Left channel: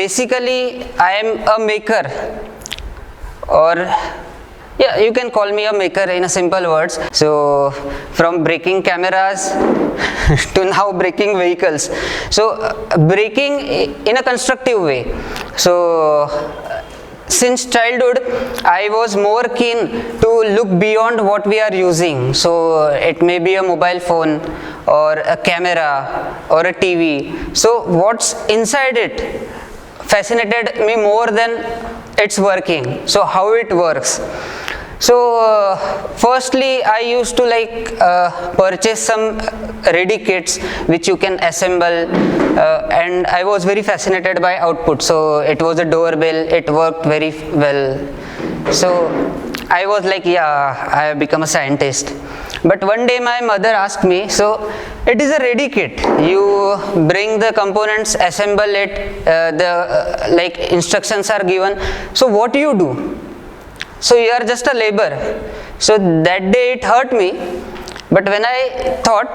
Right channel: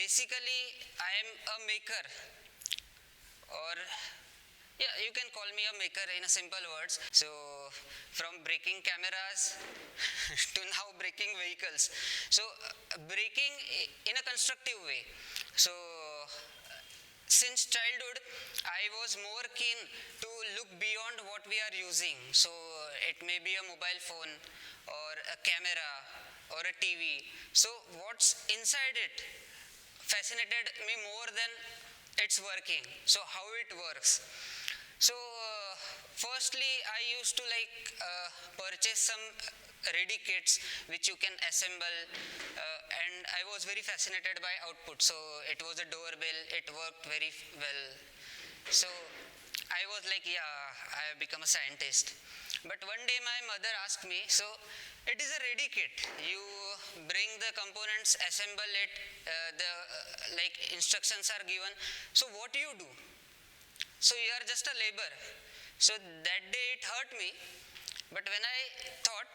basically I am a maker, or yeah, you can call me a maker in a simple words. So from breaking cameras to now breaking vehicles. So breaking in a constructive way. So since childhood, I was more keen to look beyond what we are using. So it may be a mobile phone or a camera or a TV. So what's inside it fascinated me more than its working. So how it works. So firstly, I used to purchase some ready kits which you can assemble, and I was very fascinated by output. So it was a doorbell, it worked very well. So I was like, yeah, I have become a scientist. But one day my mother asked me, so it is a ready kit. You bring the components, assemble it, the instructions are given. So what do you do? So you are just a labor. So that day it hurt me, but when I thought,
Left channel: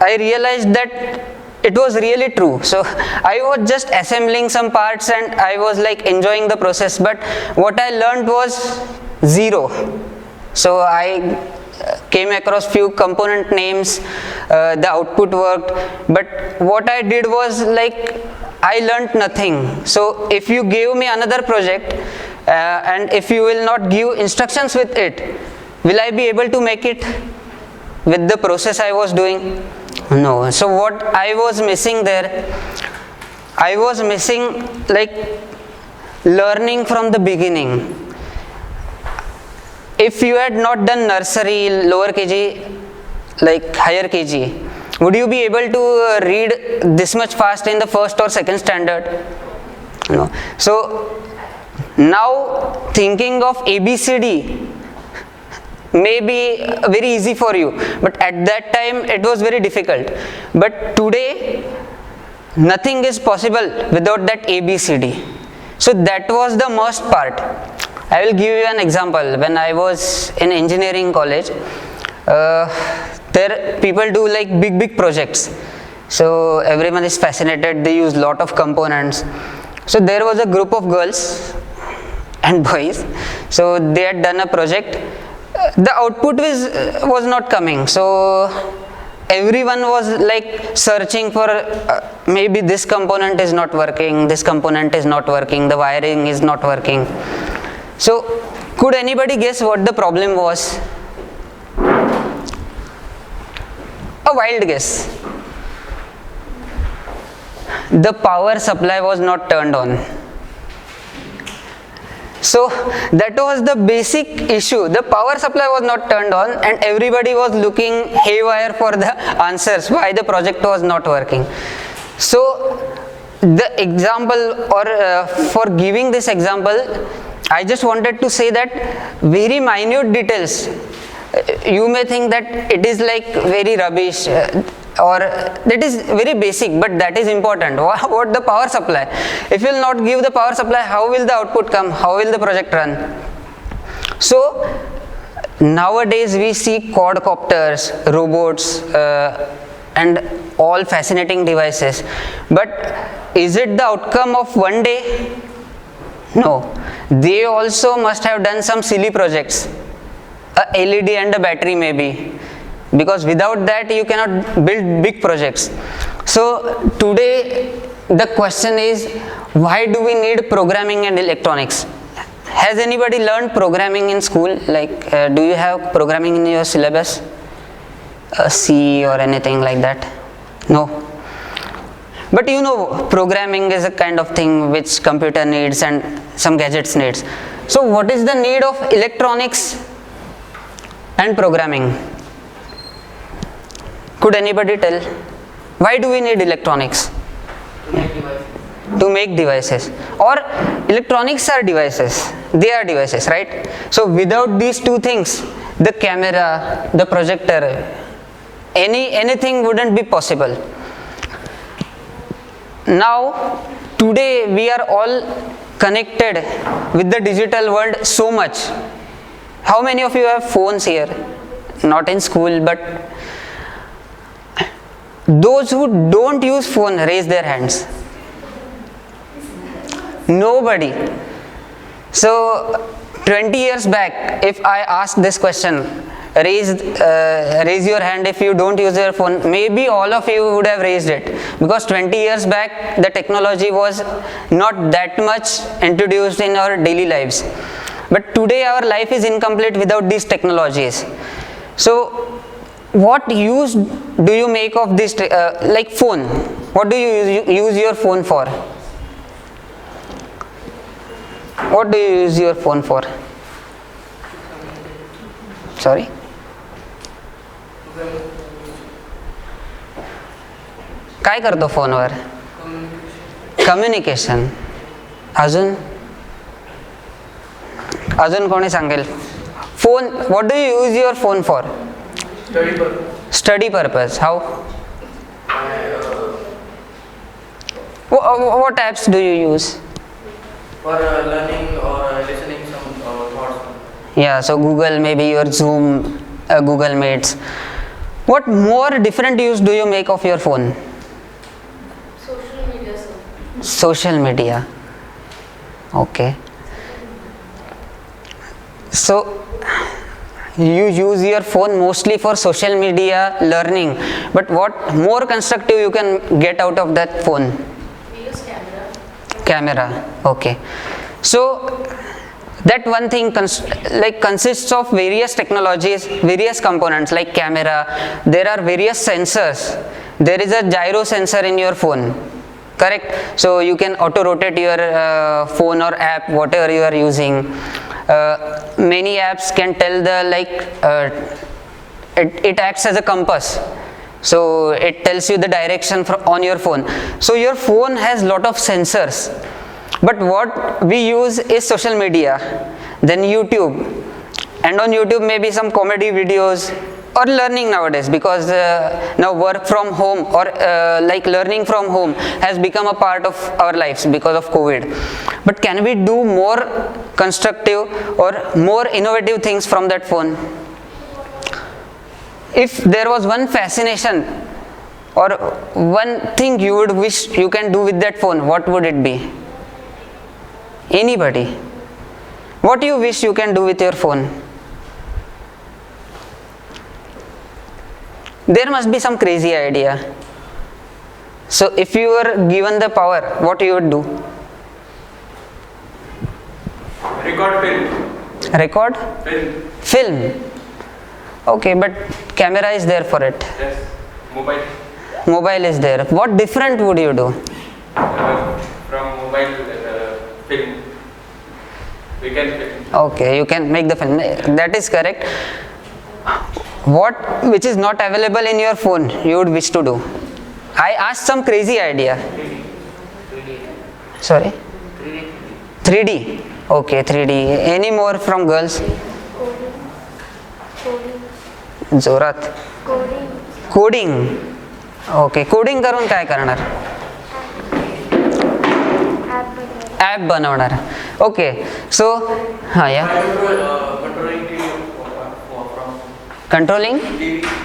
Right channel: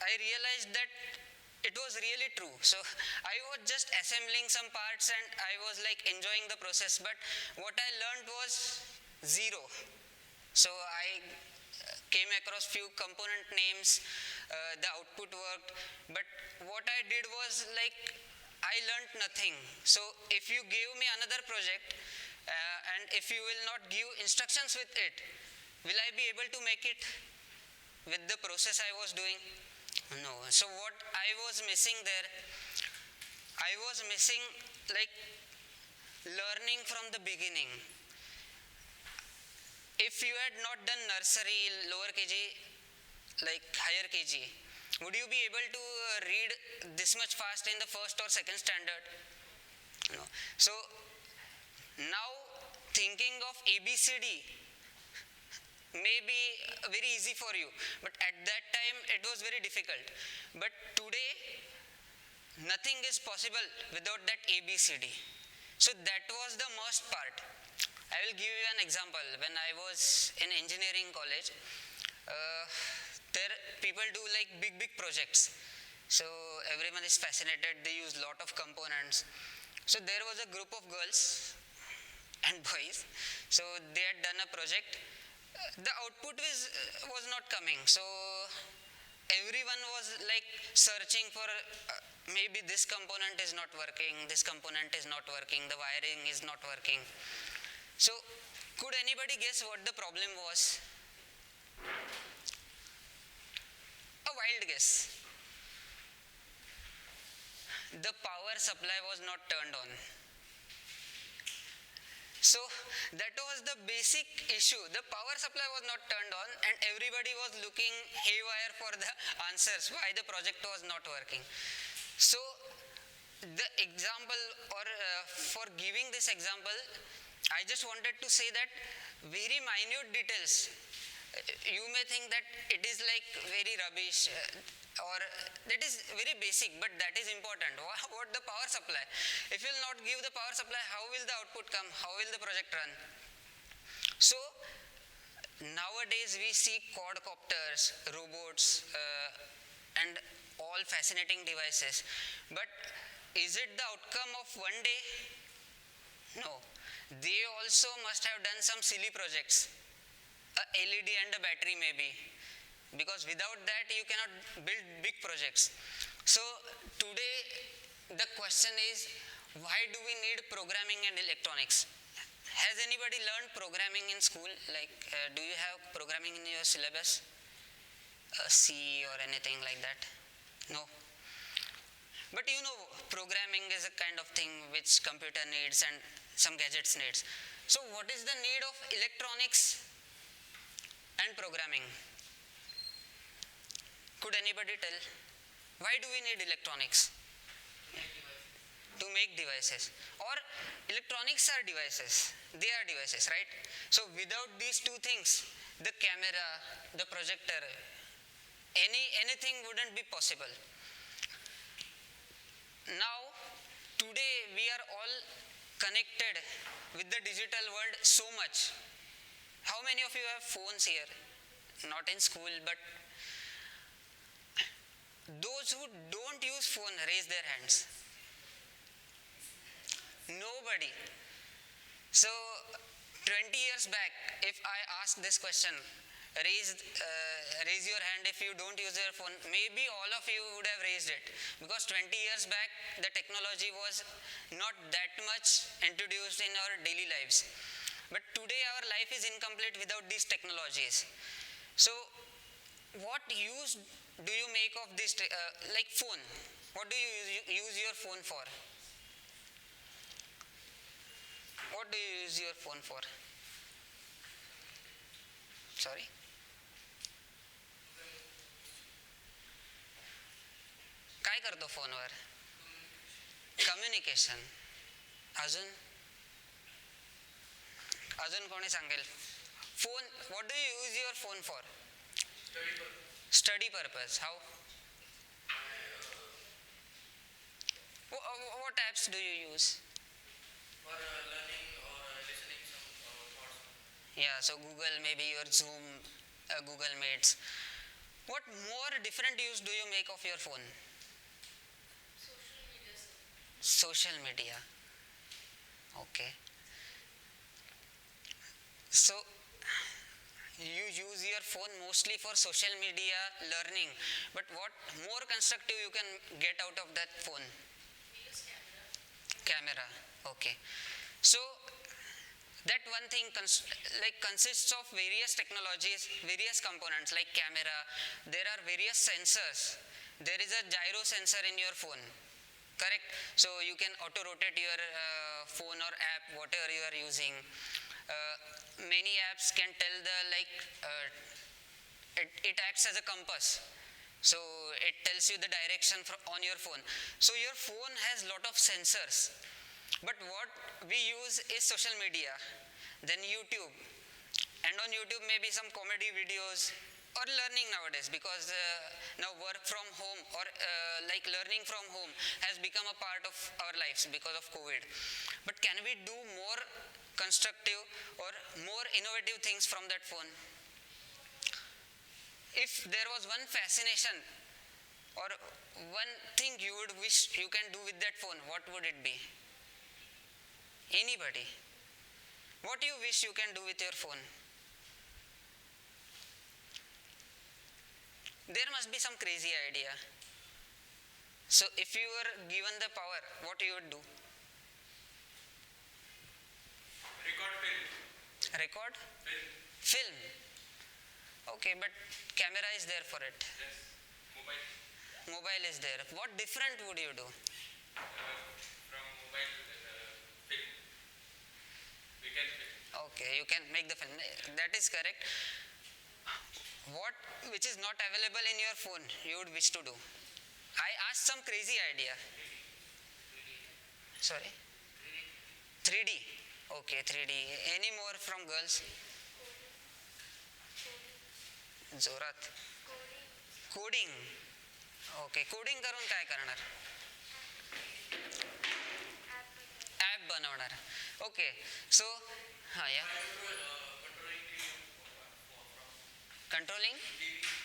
I realized that it was really true. So I was just assembling some parts and I was like enjoying the process, but what I learned was zero. So I came across few component names, the output worked, but what I did was like I learned nothing. So if you gave me another project, and if you will not give instructions with it, will I be able to make it with the process I was doing? No. So what I was missing there, I was missing like learning from the beginning. If you had not done nursery, lower KG, like higher KG, would you be able to read this much fast in the first or second standard? No. So now thinking of ABCD may be very easy for you, but at that time it was very difficult. But today nothing is possible without that ABCD. So that was the most part. I will give you an example. When I was in engineering college, there people do like big projects. So everyone is fascinated, they use lot of components. So there was a group of girls and boys. So they had done a project. The output was not coming. So everyone was like searching for maybe this component is not working, this component is not working, the wiring is not working. So could anybody guess what the problem was? A wild guess. The power supply was not turned on. So that was the basic issue. The power supply was not turned on and everybody was looking haywire for the answers why the project was not working. So the example, or for giving this example, I just wanted to say that very minute details, you may think that it is like very rubbish, or that is very basic, but that is important. What the power supply? If you will not give the power supply, how will the output come? How will the project run? So nowadays we see quadcopters, robots, and all fascinating devices. But is it the outcome of one day? No. They also must have done some silly projects. A LED and a battery maybe. Because without that you cannot build big projects. So today the question is, why do we need programming and electronics? Has anybody learned programming in school? Like do you have programming in your syllabus? C or anything like that? No. But you know, programming is a kind of thing which computer needs and some gadgets needs. So what is the need of electronics and programming? Could anybody tell? Why do we need electronics? To make devices. Or electronics are devices. They are devices, right? So without these two things, the camera, the projector, anything wouldn't be possible. Now, today we are all connected with the digital world so much. How many of you have phones here? Not in school, but those who don't use phone, raise their hands. Nobody. So 20 years back, if I ask this question, raise your hand if you don't use your phone, maybe all of you would have raised it, because 20 years back the technology was not that much introduced in our daily lives. But today our life is incomplete without these technologies. So what use do you make of this, like phone? What do you use your phone for? What do you use your phone for? Sorry? काय करतो फोनवर? Communication. अजून कोणी सांगेल? Phone, what do you use your phone for? Study purpose. Study purpose. How? What apps do you use? For learning or listening some thoughts. Yeah, so Google, maybe your Zoom, Google Meets. What more different use do you make of your phone? Social media, sir. Social media. Okay. So you use your phone mostly for social media, learning, but what more constructive you can get out of that phone? We use camera. Camera. Okay. So that one thing consists of various technologies, various components like camera. There are various sensors. There is a gyro sensor in your phone, correct? So you can auto rotate your phone or app, whatever you are using. Many apps can tell it acts as a compass. So it tells you the direction on your phone. So your phone has lot of sensors. But what we use is social media, then YouTube, and on YouTube maybe some comedy videos or learning nowadays, because now work from home or learning from home has become a part of our lives because of COVID. But can we do more constructive or more innovative things from that phone? If there was one fascination or one thing you would wish you can do with that phone, what would it be? Anybody? What do you wish you can do with your phone? There must be some crazy idea. So if you were given the power, what you would do? Record film. Record? Film. Film. Okay, but camera is there for it. Yes. Mobile. Mobile is there. What different would you do? From mobile film. We can film. Okay, you can make the film. That is correct. What which is not available in your phone you would wish to do? I asked some crazy idea. 3D. Sorry? 3D. 3D. Okay, 3D. Any more from girls? जोरात. Coding. Okay, coding करून काय करणार? App बनवणार. Okay, सो हां या. Controlling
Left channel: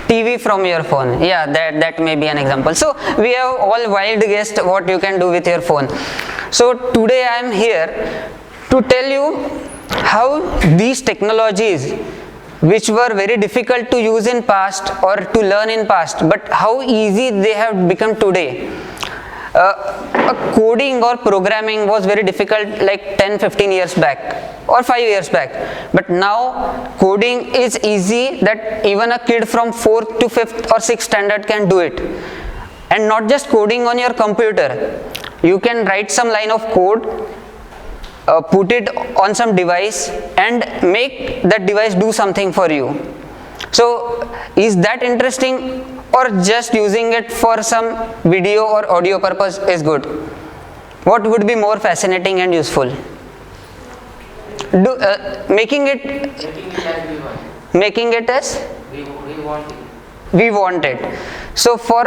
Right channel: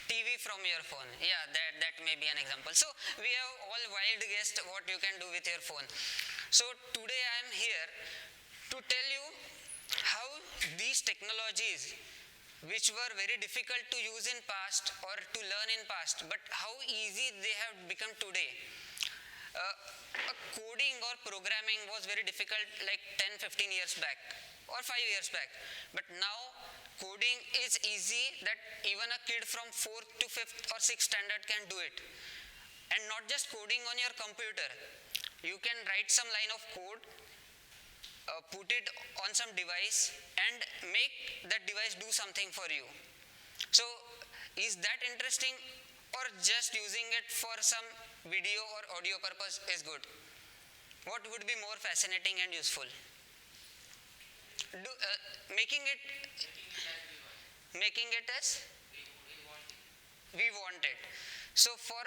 TV from your phone. Yeah, that may be an example. So we have all wild guessed what you can do with your phone. So today I am here to tell you how these technologies, which were very difficult to use in past or to learn in past, but how easy they have become today. Coding or programming was very difficult like 10-15 years back or 5 years back, but now coding is easy that even a kid from 4th to 5th or 6th standard can do it. And not just coding on your computer, you can write some line of code, put it on some device and make that device do something for you. So is that interesting, or just using it for some video or audio purpose is good? What would be more fascinating and useful? Making it as we want it. So for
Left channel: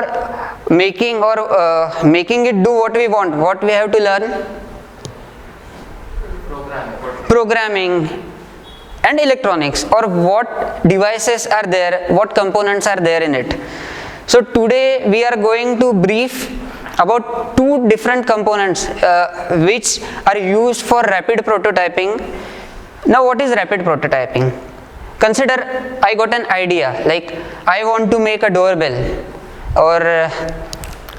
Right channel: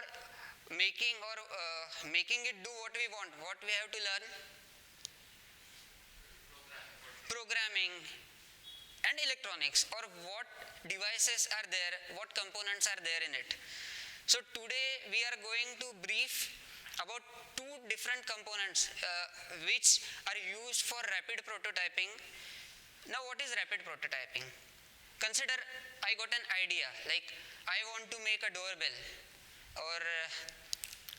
making or making it do what we want, what we have to learn? Programming and electronics, or what devices are there, what components are there in it. So today we are going to brief about two different components which are used for rapid prototyping. Now what is rapid prototyping? Consider I got an idea, like I want to make a doorbell, or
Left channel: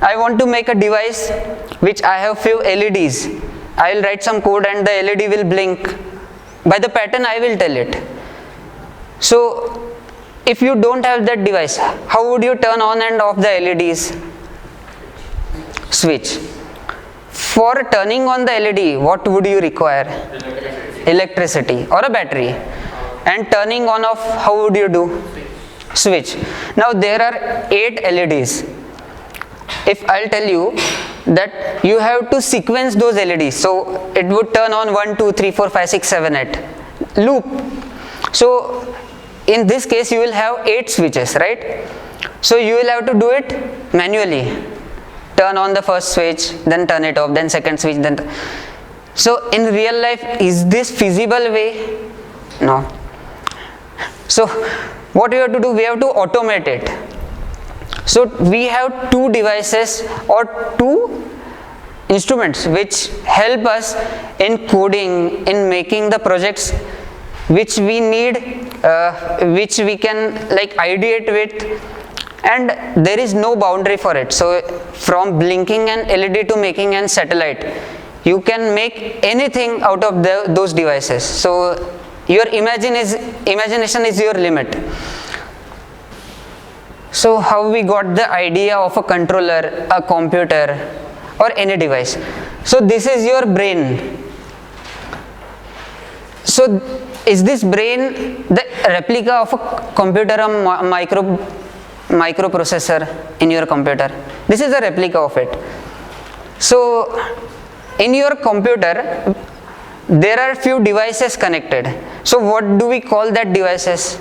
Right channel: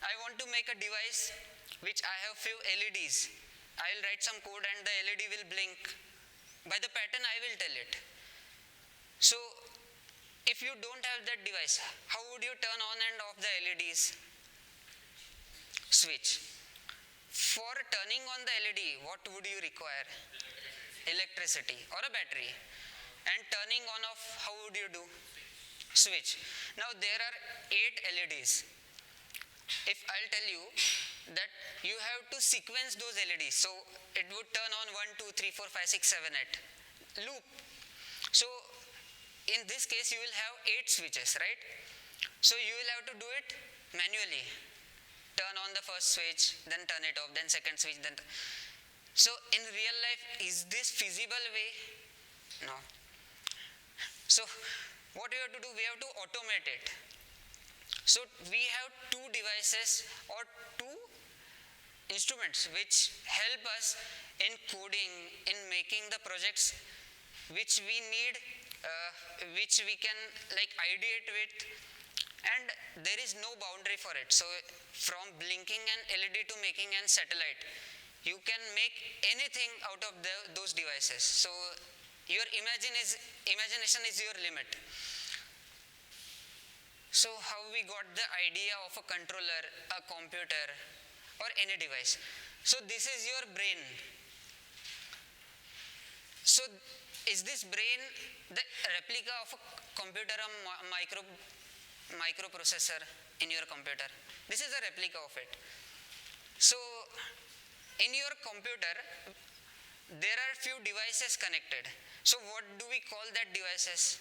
I want to make a device which I have few LEDs. I will write some code and the LED will blink. By the pattern I will tell it. So if you don't have that device, how would you turn on and off the LEDs? Switch. For turning on the LED, what would you require? Electricity or a battery. And turning on off, how would you do? Switch. Now there are 8 LEDs. If I'll tell you that you have to sequence those LEDs, so it would turn on 1, 2, 3, 4, 5, 6, 7, 8. Loop. So in this case you will have 8 switches, right? So you will have to do it manually. Turn on the first switch, then turn it off, then second switch, then. So in real life, is this feasible way? No. So what we have to do, we have to automate it. So we have 2 devices or 2 instruments which help us in coding, in making the projects which we need, which we can like ideate with, and there is no boundary for it. So from blinking an LED to making an satellite, you can make anything out of those devices. So your imagination is your limit. So how we got the idea of a controller, a computer, or any device? So this is your brain. So is this brain the replica of a computer, a microprocessor in your computer? This is a replica of it. So in your computer, there are few devices connected. So what do we call that devices?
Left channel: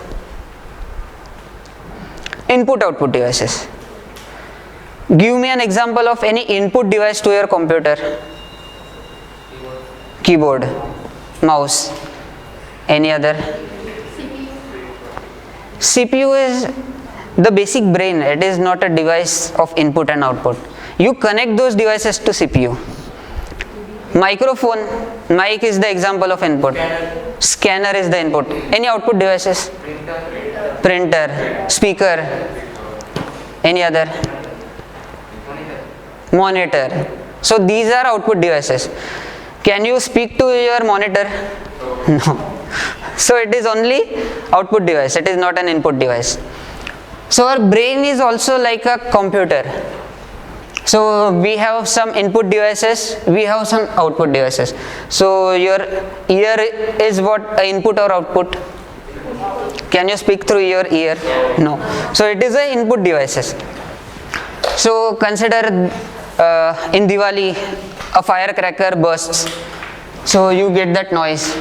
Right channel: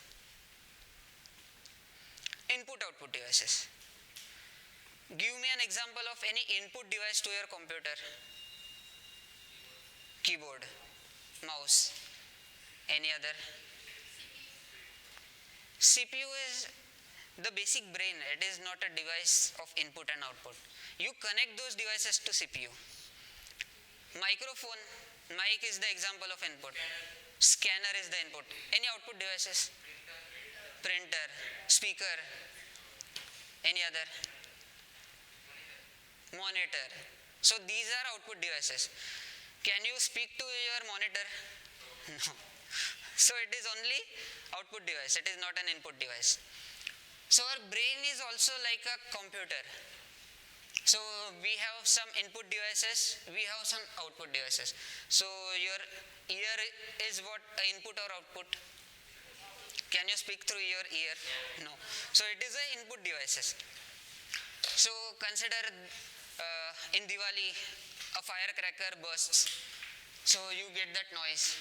Input-output devices. Give me an example of any input device to your computer. Keyboard, mouse, any other? CPU is the basic brain. It is not a device of input and output. You connect those devices to CPU. Microphone, mic is the example of input. Scanner is the input. Any output devices? Printer, speaker, any other? Monitor. So these are output devices. Can you speak to your monitor? No. So it is only output device. It is not an input device. So our brain is also like a computer. So we have some input devices, we have some output devices. So your ear is what, input or output? Can you speak through your ear? No. So it is a input devices. So consider in Diwali a firecracker bursts. So you get that noise.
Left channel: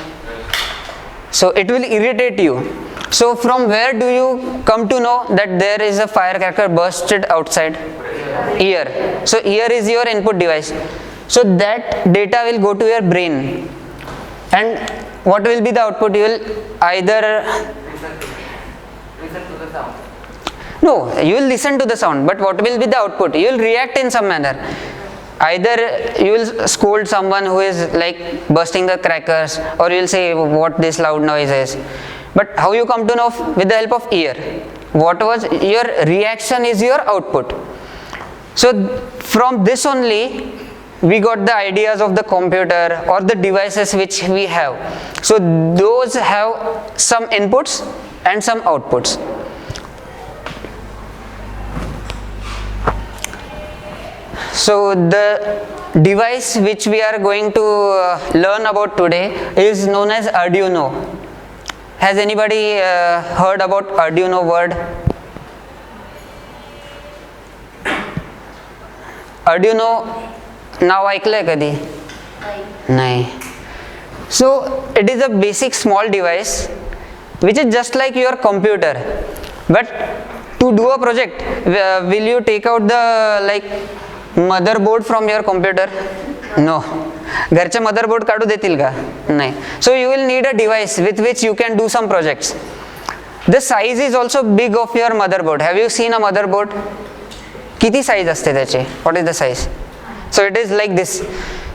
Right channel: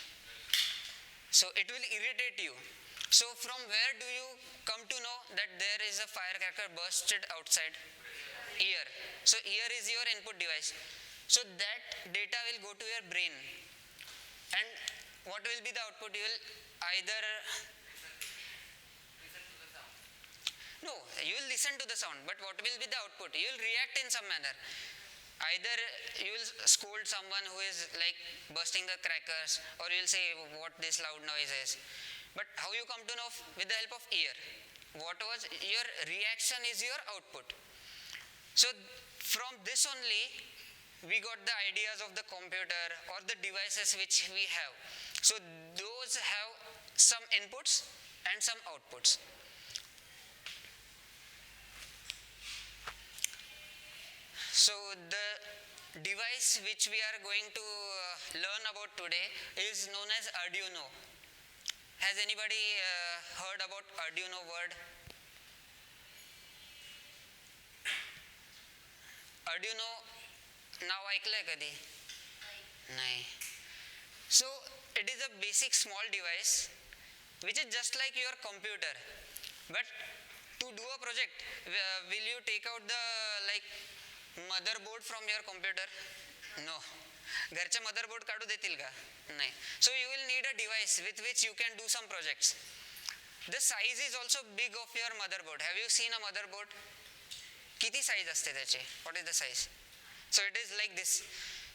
So it will irritate you. So from where do you come to know that there is a firecracker bursted outside? Ear. So ear is your input device. So that data will go to your brain. And what will be the output? You will either Listen to the sound. no, you will listen to the sound, but what will be the output? You will react in some manner. Either you will scold someone who is like bursting the crackers, or you will say what this loud noise is. But how you come to know? With the help of ear. What was your reaction is your output. So from this only we got the ideas of the computer or the devices which we have. So those have some inputs and some outputs. So the device which we are going to learn about today is known as Arduino. Has anybody heard about Arduino word? Arduino नाव ऐकलंय कधी? नाही. So it is a basic small device which is just like your computer, but to do a project, will you take out the like motherboard from your computer? No. घरचे motherboard काढू देतील का? नाही. So you will need a device with which you can do some projects. The size is also big of your motherboard. Have you seen a motherboard? किती size असते त्याची? What is the size? So it is like this.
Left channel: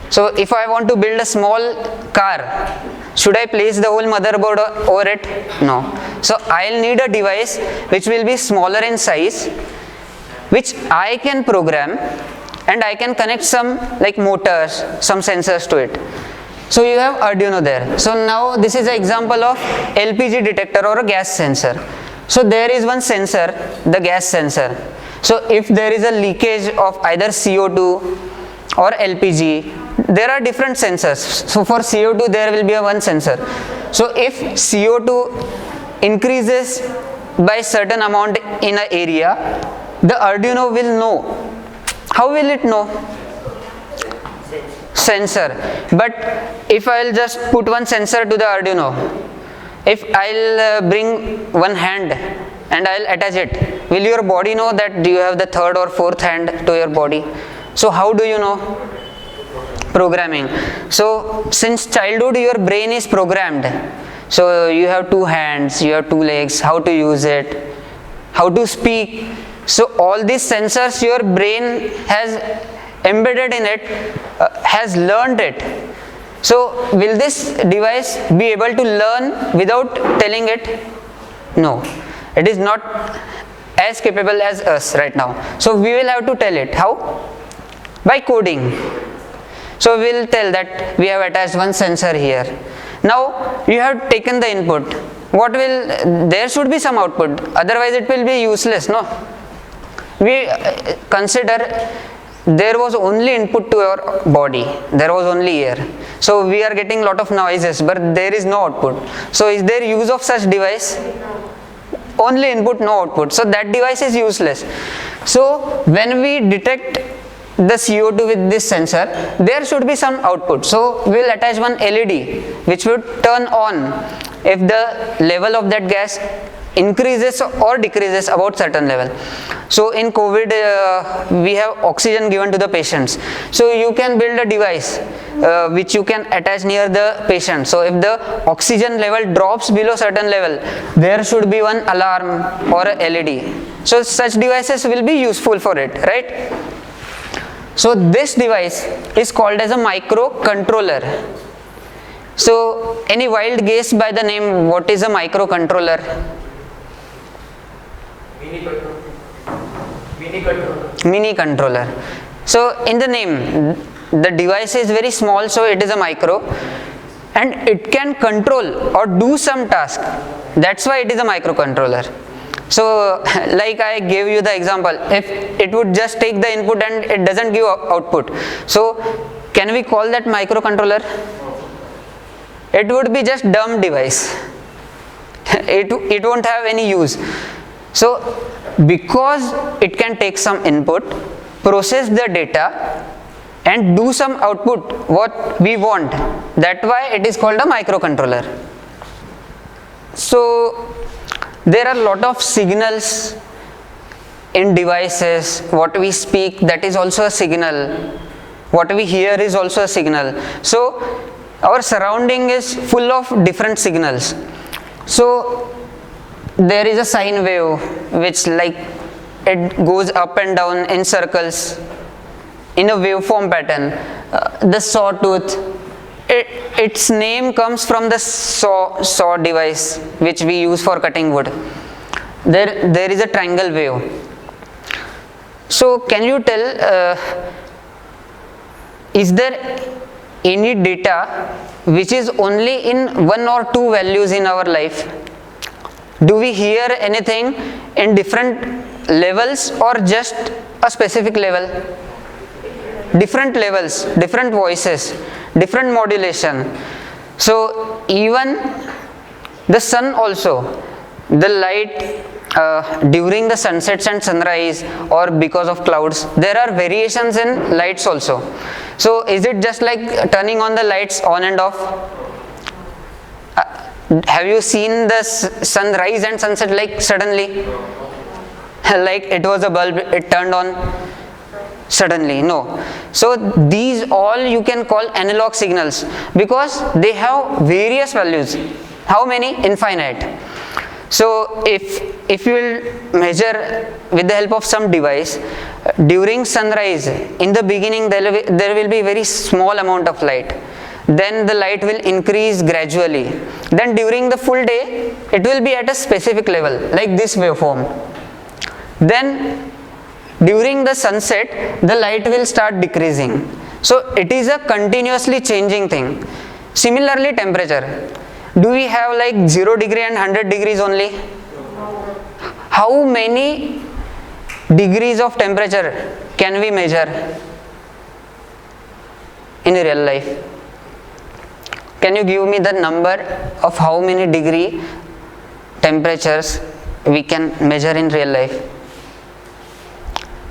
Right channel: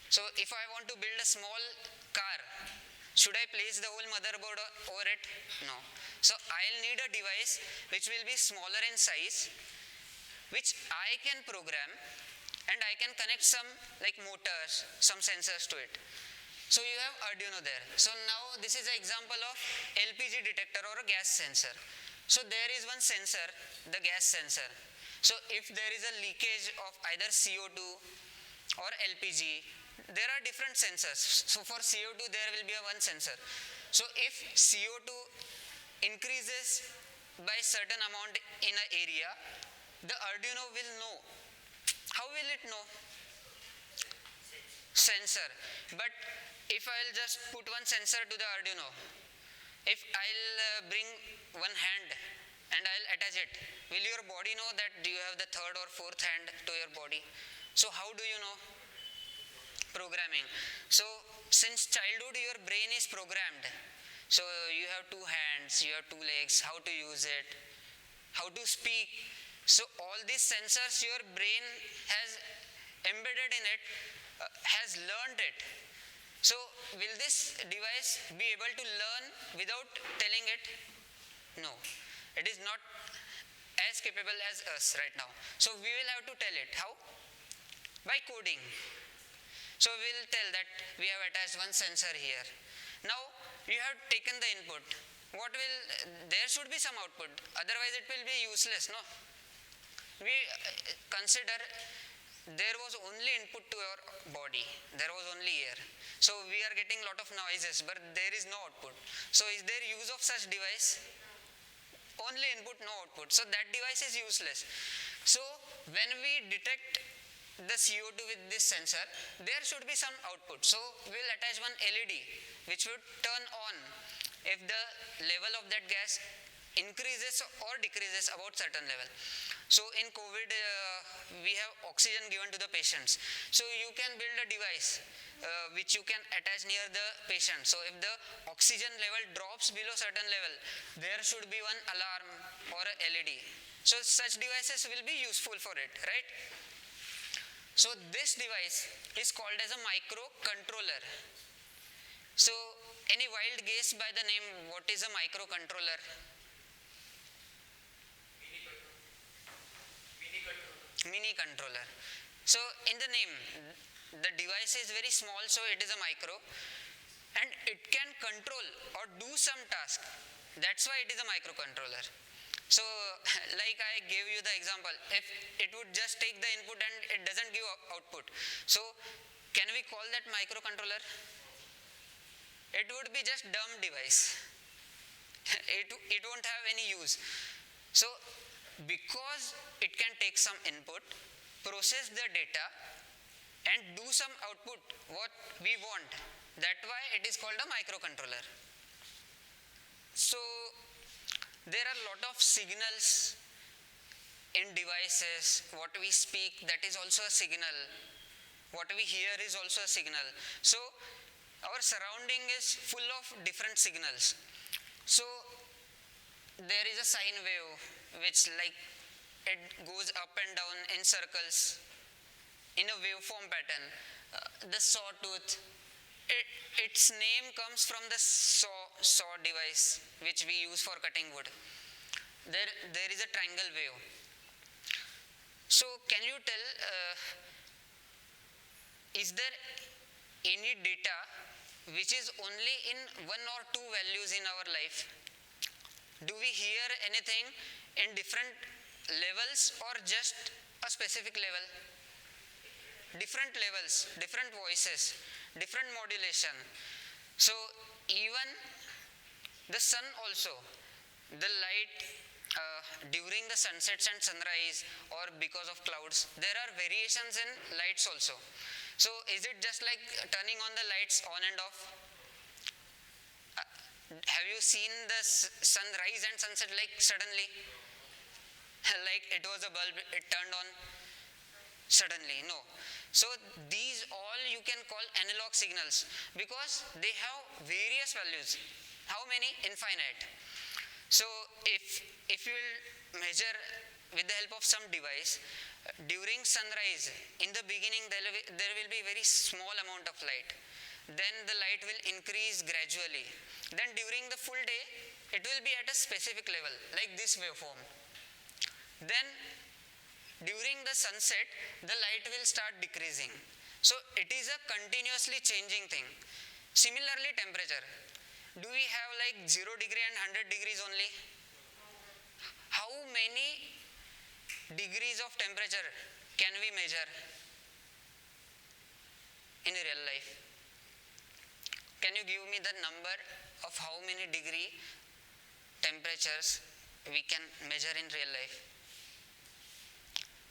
So if I want to build a small car, should I place the whole motherboard over it? No. So I'll need a device which will be smaller in size, which I can program, and I can connect some like motors, some sensors to it. So you have Arduino there. So now this is an example of LPG detector or a gas sensor. So there is one sensor, the gas sensor. So if there is a leakage of either CO2 or LPG, there are different sensors. So for CO2 there will be a one sensor. So if CO2 increases by certain amount in an area, the Arduino will know. How will it know? Sensor. But if I'll just put one sensor to the Arduino, if I'll bring one hand and I'll attach it, will your body know that you have the third or fourth hand to your body? So how do you know? Programming. So since childhood your brain is programmed. So you have two hands, you have two legs, how to use it, how to speak. So all these sensors your brain has embedded in it, has learned it. So will this device be able to learn without telling it? No. It is not as capable as us right now. So we will have to tell it. How? By coding. So we will tell that we have attached one sensor here. Now you have taken the input. What will, there should be some output, otherwise it will be useless, no? We consider there was only input to your body, there was only air. So we are getting lot of noises, but there is no output. So is there use of such device? Only input, no output. So that device is useless. So when we detect the CO2 with this sensor, there should be some output. So we will attach one LED which would turn on if the level of that gas increases or decreases about certain level. So in COVID we have oxygen given to the patients. So you can build a device which you can attach near the patient. So if the oxygen level drops below certain level, there should be one alarm or a LED. So such devices will be useful for it, right? So this device is called as a microcontroller. So any wild guess by the name, what is a microcontroller? Mini controller. So in the name, the device is very small, so it is a micro, and it can control or do some task. That's why it is a microcontroller. So like I gave you the example, if it would just take the input and it doesn't give output, so can we call that microcontroller? It would be just dumb device. It won't have any use. So because it can take some input, process the data and do some output what we want, that's why it is called a microcontroller. So there are a lot of signals in devices. What we speak, that is also a signal. What we hear is also a signal. So our surrounding is full of different signals. So there is a sine wave which like it goes up and down in circles in a waveform pattern. The sawtooth, its name comes from the saw device which we use for cutting wood. There is a triangle wave. So can you tell, is there any data which is only in one or two values in our life? Do we hear anything in different levels or just a specific level? Different levels, different voices, different modulation. So even the sun also, the light during the sunsets and sunrise or because of clouds, there are variations in lights also. So is it just like turning on the lights on and off? Have you seen the sunrise and sunset like suddenly? Like it was a bulb, it turned on suddenly? No. So these all you can call analog signals because they have various values. How many? Infinite. So if you will measure with the help of some device, During sunrise, in the beginning there will be very small amount of light. Then the light will increase gradually. Then during the full day, it will be at a specific level, like this waveform. Then during the sunset, the light will start decreasing. So it is a continuously changing thing. Similarly, temperature. Do we have like 0 degree and 100 degrees only? How many degrees of temperature can we measure in real life? Can you give me the number of how many degree temperatures we can measure in real life?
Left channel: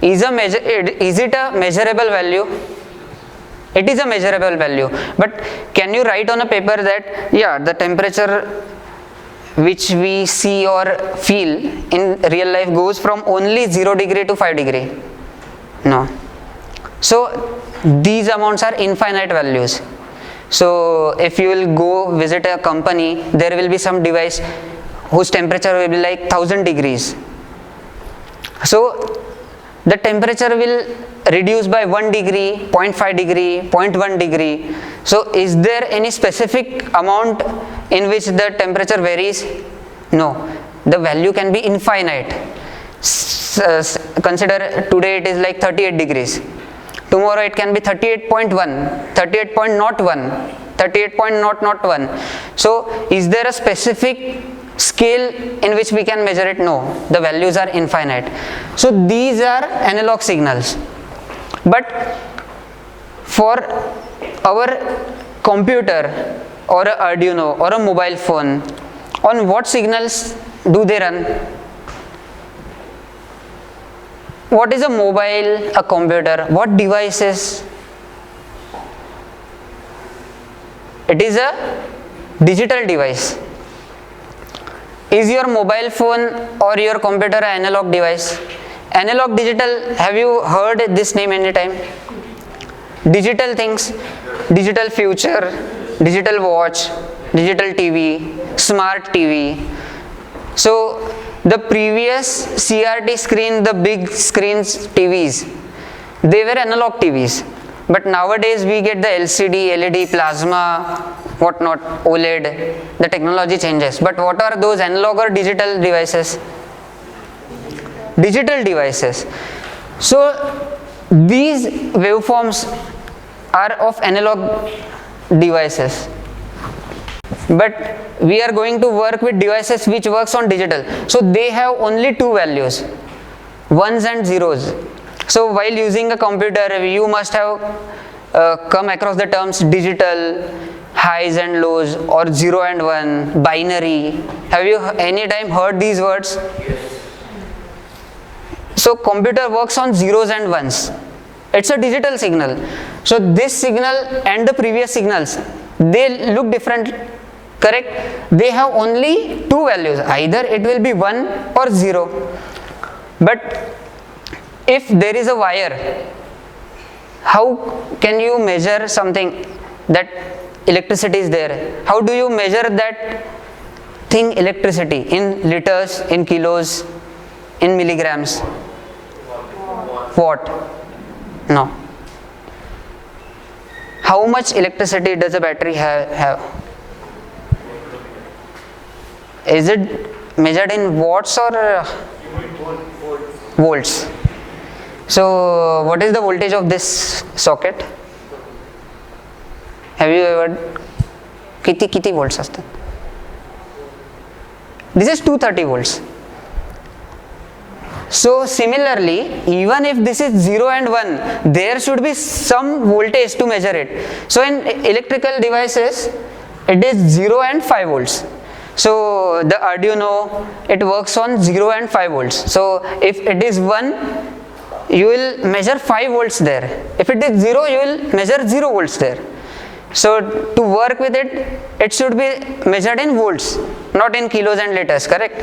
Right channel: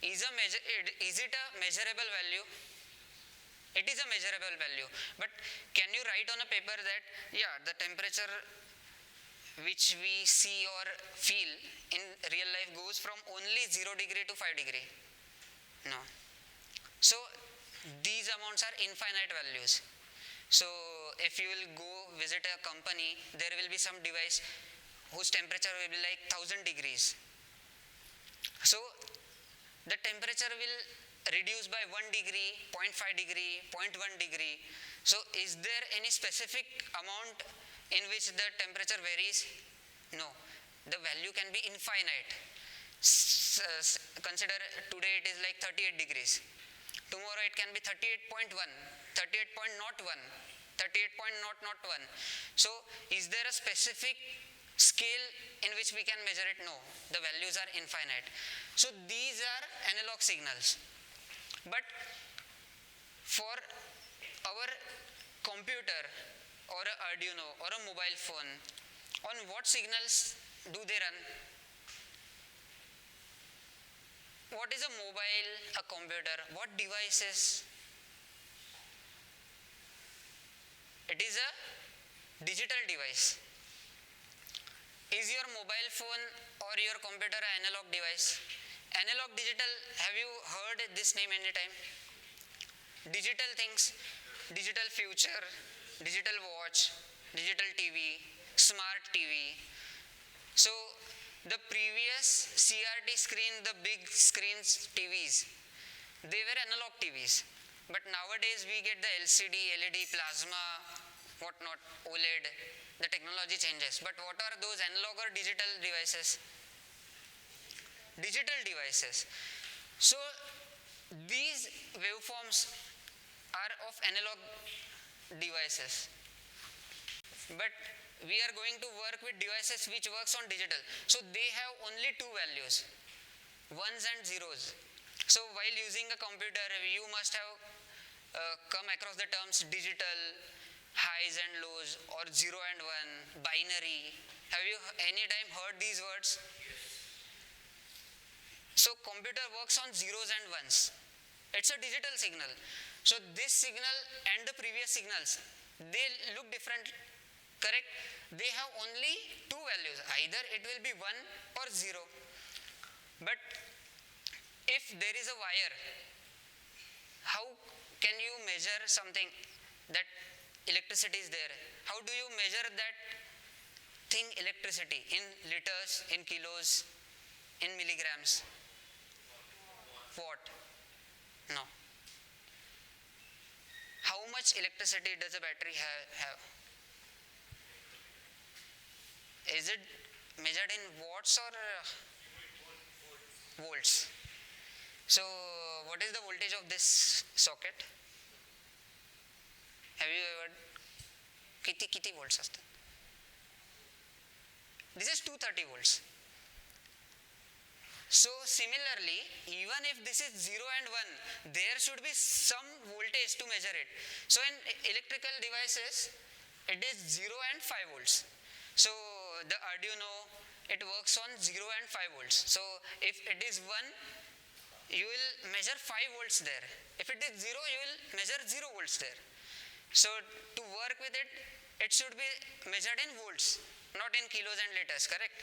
Is it a measurable value? It is a measurable value. But can you write on a paper that, yeah, the temperature which we see or feel in real life goes from only 0 degree to 5 degree? No. So these amounts are infinite values. So if you will go visit a company, there will be some device whose temperature will be like 1000 degrees. So the temperature will reduce by 1 degree, 0.5 degree, 0.1 degree. So is there any specific amount in which the temperature varies? No. The value can be infinite. Consider today it is like 38 degrees. Tomorrow it can be 38.1, 38.01, 38.001. So is there a specific scale in which we can measure it? No. The values are infinite. So these are analog signals. But for our computer or a Arduino or a mobile phone, on what signals do they run? What is a mobile, a computer? What devices? It is a digital device. Is your mobile phone or your computer an analog device? Analog, digital, have you heard this name anytime? Digital things, digital future, digital watch, digital TV, smart TV. So the previous CRT screen, the big screens TVs, they were analog TVs. But nowadays we get the LCD, LED, plasma, whatnot, OLED, the technology changes. But what are those analog or digital devices? Digital devices. So these waveforms are of analog devices. But we are going to work with devices which works on digital. So they have only two values, ones and zeros. So while using a computer, you must have come across the terms digital, highs and lows, or 0 and 1, binary. Have you any time heard these words? So computer works on zeros and ones. It's a digital signal. So this signal and the previous signals, they look different, correct? They have only two values. Either it will be 1 or 0. But if there is a wire, how can you measure something that electricity is there? How do you measure that thing, electricity, in liters, in kilos, in milligrams? Watt? No. How much electricity does a battery have? Is it measured in watts or volts? So what is the voltage of this socket? Have you ever किती volts असतात? This is 230 volts. So similarly, even if this is 0 and 1, there should be some voltage to measure it. So in electrical devices, it is 0 and 5 volts. So the Arduino, it works on 0 and 5 volts. So if it is 1, you will measure 5 volts there. If it is 0, you will measure 0 volts there. So to work with it, it should be measured in volts, not in kilos and liters, correct?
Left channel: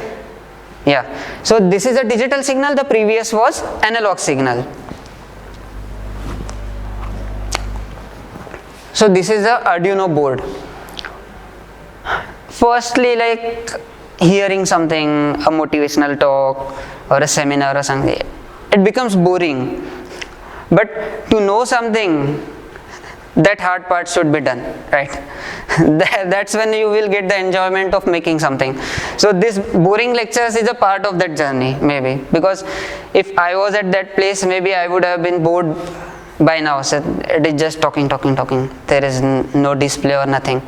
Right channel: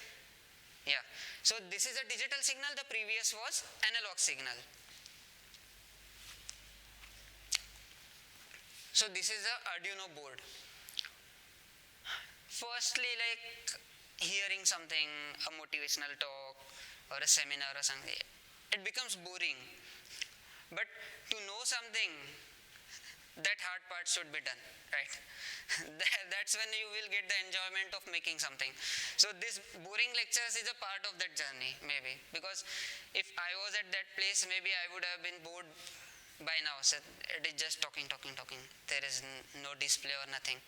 Yeah. So this is a digital signal, the previous was analog signal. So this is a Arduino board. Firstly, like hearing something, a motivational talk or a seminar or something, it becomes boring. But to know something, that hard part should be done, right? That's when you will get the enjoyment of making something. So this boring lectures is a part of that journey, maybe, because if I was at that place, maybe I would have been bored by now. So it is just talking. There is no display or nothing.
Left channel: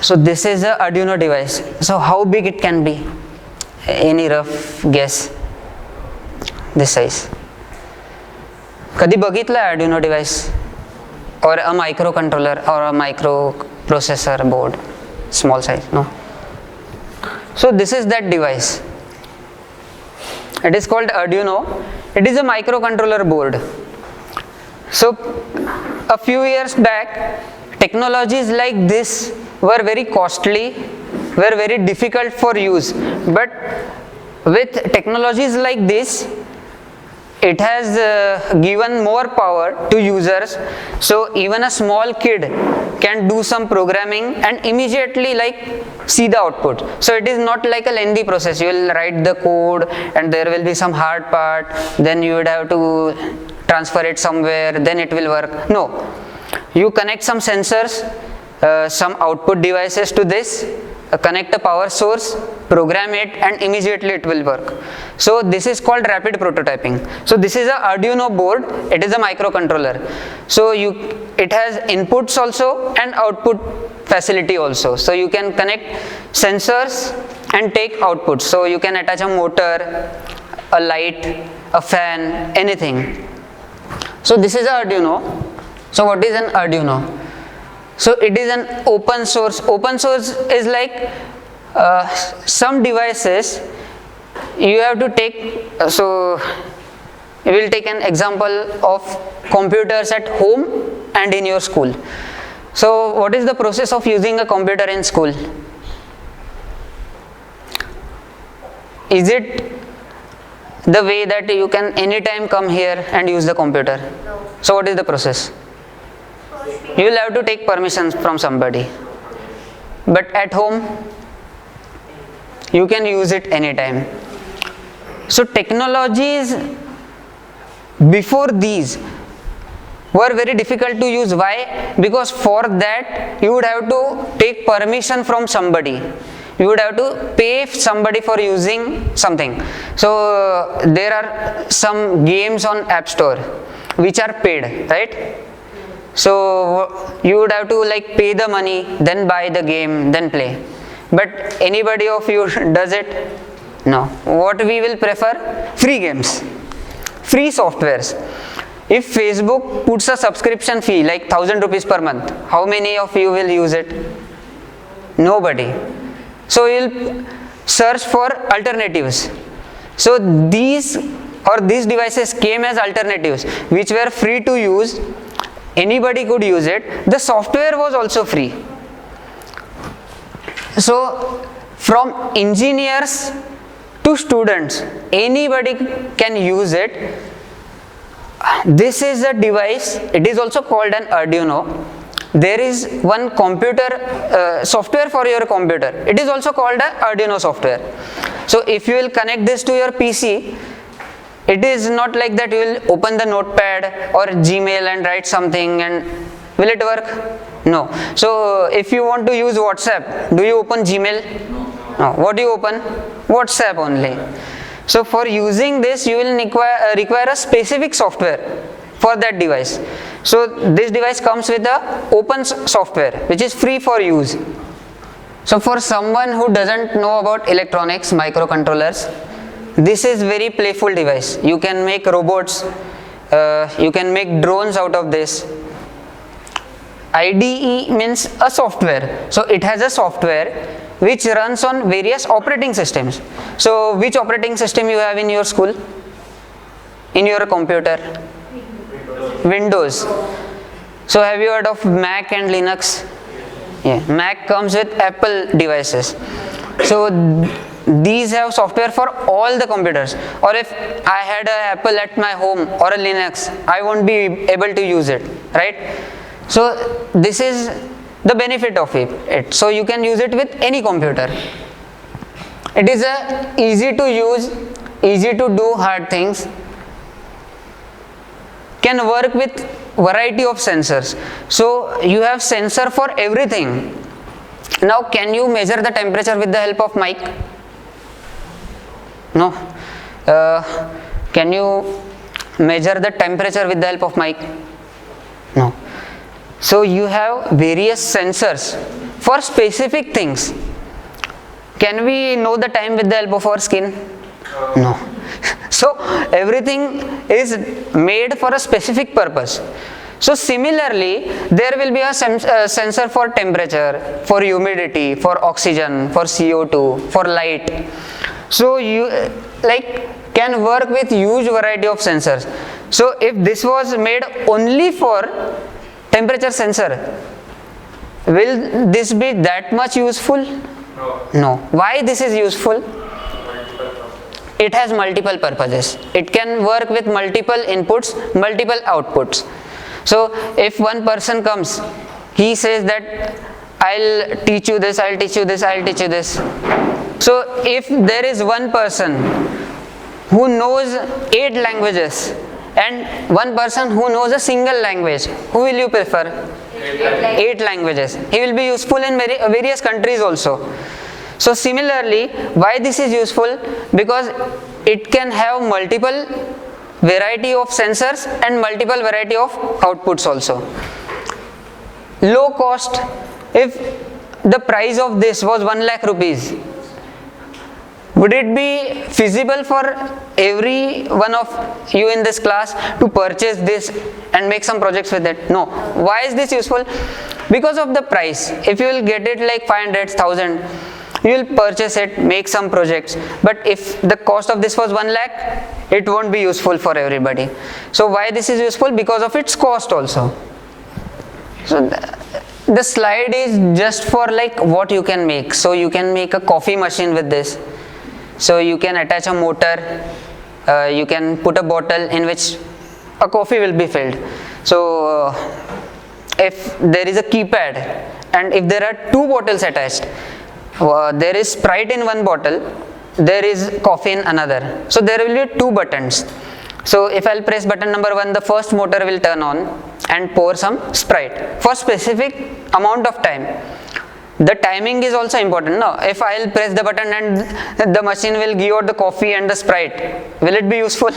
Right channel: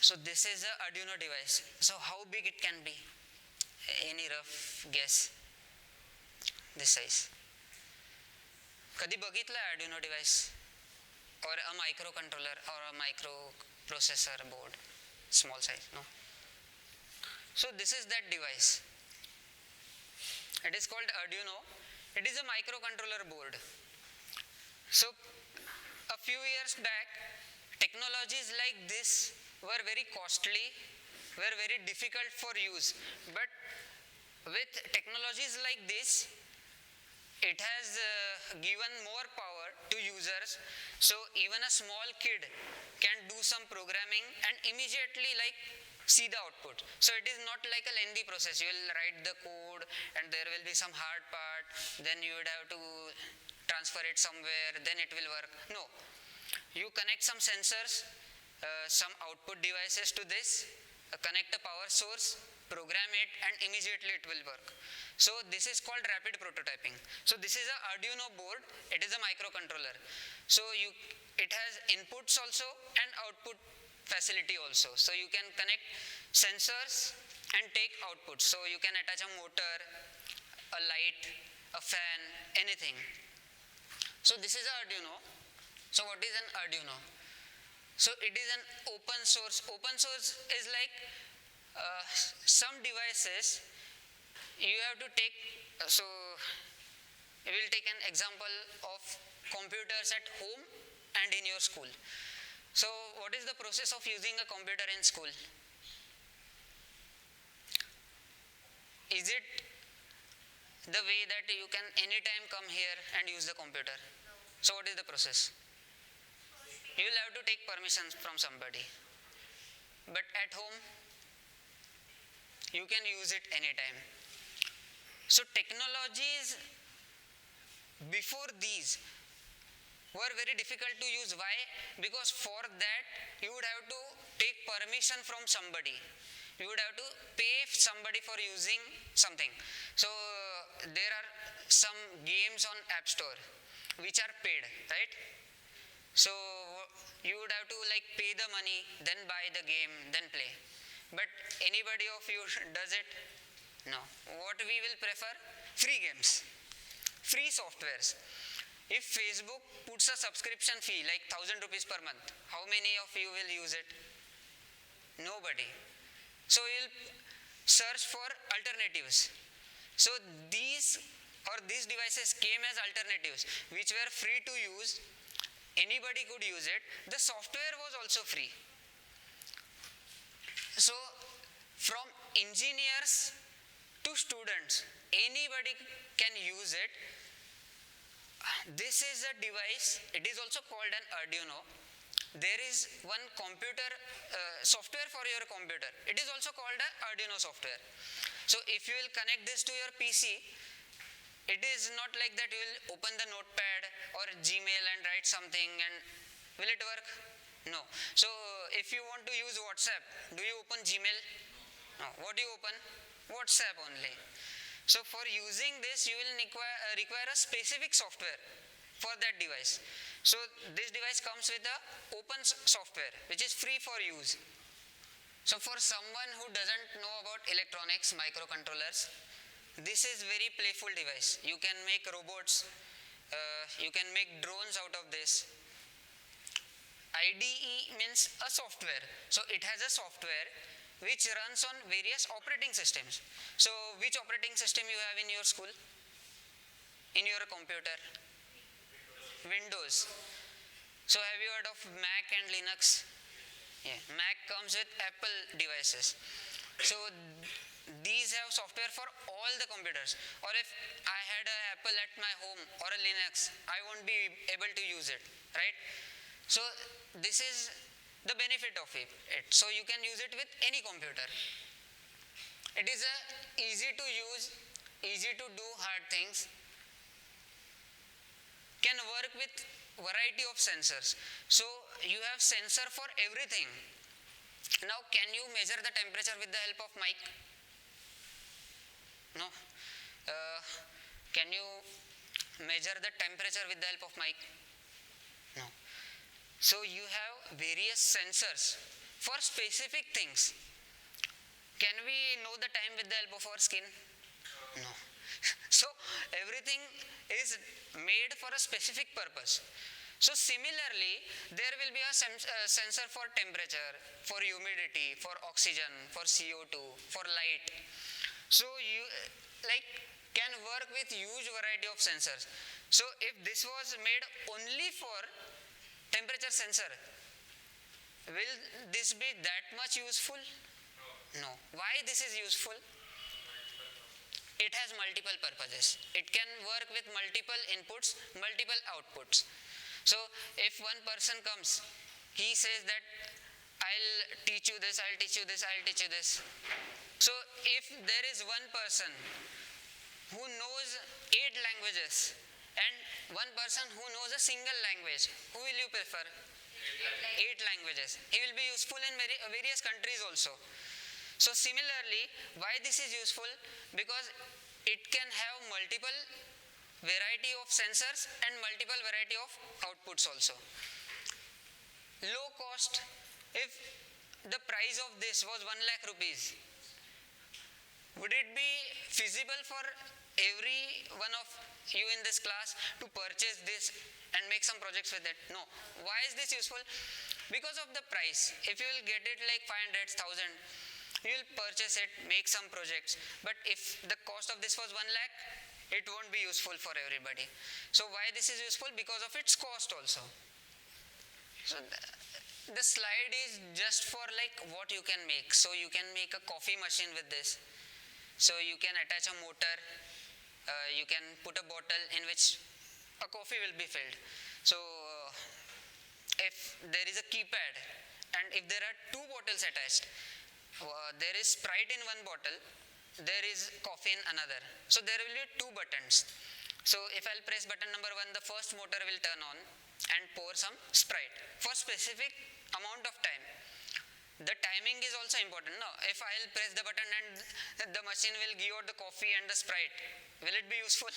So this is a Arduino device. So how big it can be? Any rough guess? This size. कधी बघितलं Arduino device? Or a microcontroller or a microprocessor board? Small size, no? So this is that device. It is called Arduino. It is a microcontroller board. So a few years back, technologies like this were very costly, were very difficult for use. But with technologies like this, it has given more power to users. So even a small kid can do some programming and immediately see the output. So it is not like a lengthy process. You will write the code and there will be some hard part, then you would have to transfer it somewhere, then it will work. No, you connect some sensors, some output devices to this, connect a power source, program it, and immediately it will work. So this is called rapid prototyping. So this is a Arduino board. It is a microcontroller. So it has inputs also and output facility also. So you can connect sensors and take outputs. So you can attach a motor, a light, a fan, anything. So this is a Arduino. So what is an Arduino? So it is an open source. Open source is like some devices you have to take. So we will take an example of computers at home and in your school. So what is the process of using a computer in school? Is it the way that you can anytime come here and use the computer? No. So what is the process? You will have to take permissions from somebody. But at home, you can use it anytime. So technologies before these were very difficult to use. Why? Because for that you would have to take permission from somebody. You would have to pay somebody for using something. So there are some games on App Store which are paid, right? So you would have to pay the money, then buy the game, then play. But anybody of you does it? No. What we will prefer? Free games, free softwares. If Facebook puts a subscription fee like 1,000 rupees per month, how many of you will use it? Nobody. So you'll search for alternatives. So these devices came as alternatives which were free to use. Anybody could use it. The software was also free. So from engineers to students, anybody can use it. This is a device. It is also called an Arduino. There is one computer software for your computer. It is also called an Arduino software. So if you will connect this to your PC, it is not like that you will open the notepad or Gmail and write something and will it work? No. So if you want to use WhatsApp, do you open Gmail? No. What do you open? WhatsApp only. So for using this, you will require a specific software for that device. So this device comes with a open software which is free for use. So for someone who doesn't know about electronics, microcontrollers, this is very playful device. You can make robots, you can make drones out of this. IDE means a software. So it has a software which runs on various operating systems. So which operating system you have in your school? In your computer? Windows. So have you heard of Mac and Linux? Yeah. Mac comes with Apple devices. So these have software for all the computers. Or if I had an Apple at my home or a Linux, I won't be able to use it, right? So this is the benefit of it. So you can use it with any computer. It is a easy to use, easy to do hard things, can work with variety of sensors. So you have sensor for everything. Now can you measure the temperature with the help of mic? No. Can you measure the temperature with the help of mic? No. So you have various sensors for specific things. Can we know the time with the help of our skin? No. So everything is made for a specific purpose. So similarly, there will be a sensor for temperature, for humidity, for oxygen, for CO2, for light. So you can work with huge variety of sensors. So if this was made only for temperature sensor, will this be that much useful? No. Why this is useful? It has multiple purposes. It can work with multiple inputs, multiple outputs. So if one person comes, he says that I'll teach you this, I'll teach you this, I'll teach you this. So if there is one person who knows 8 languages and one person who knows a single language, who will you prefer? 8 languages. He will be useful in various countries also. So similarly, why this is useful? Because it can have multiple variety of sensors and multiple variety of outputs also. Low cost, if the price of this was 1 lakh rupees, would it be feasible for every one of you in this class to purchase this and make some projects with it? No. Why is this useful? Because of the price. If you will get it like 500, 1000, you will purchase it, make some projects. But if the cost of this was 1 lakh, it won't be useful for everybody. So why this is useful? Because of its cost also. So the slide is just for like what you can make. So you can make a coffee machine with this. So you can attach a motor, you can put a bottle in which a coffee will be filled. So if there is a keypad and if there are 2 bottles attached, there is Sprite in one bottle, there is coffee in another. So there will be 2 buttons. So if I'll press button number 1, the first motor will turn on and pour some Sprite for specific amount of time. The timing is also important. No, if I'll press the button and the machine will give out the coffee and the Sprite, will it be useful?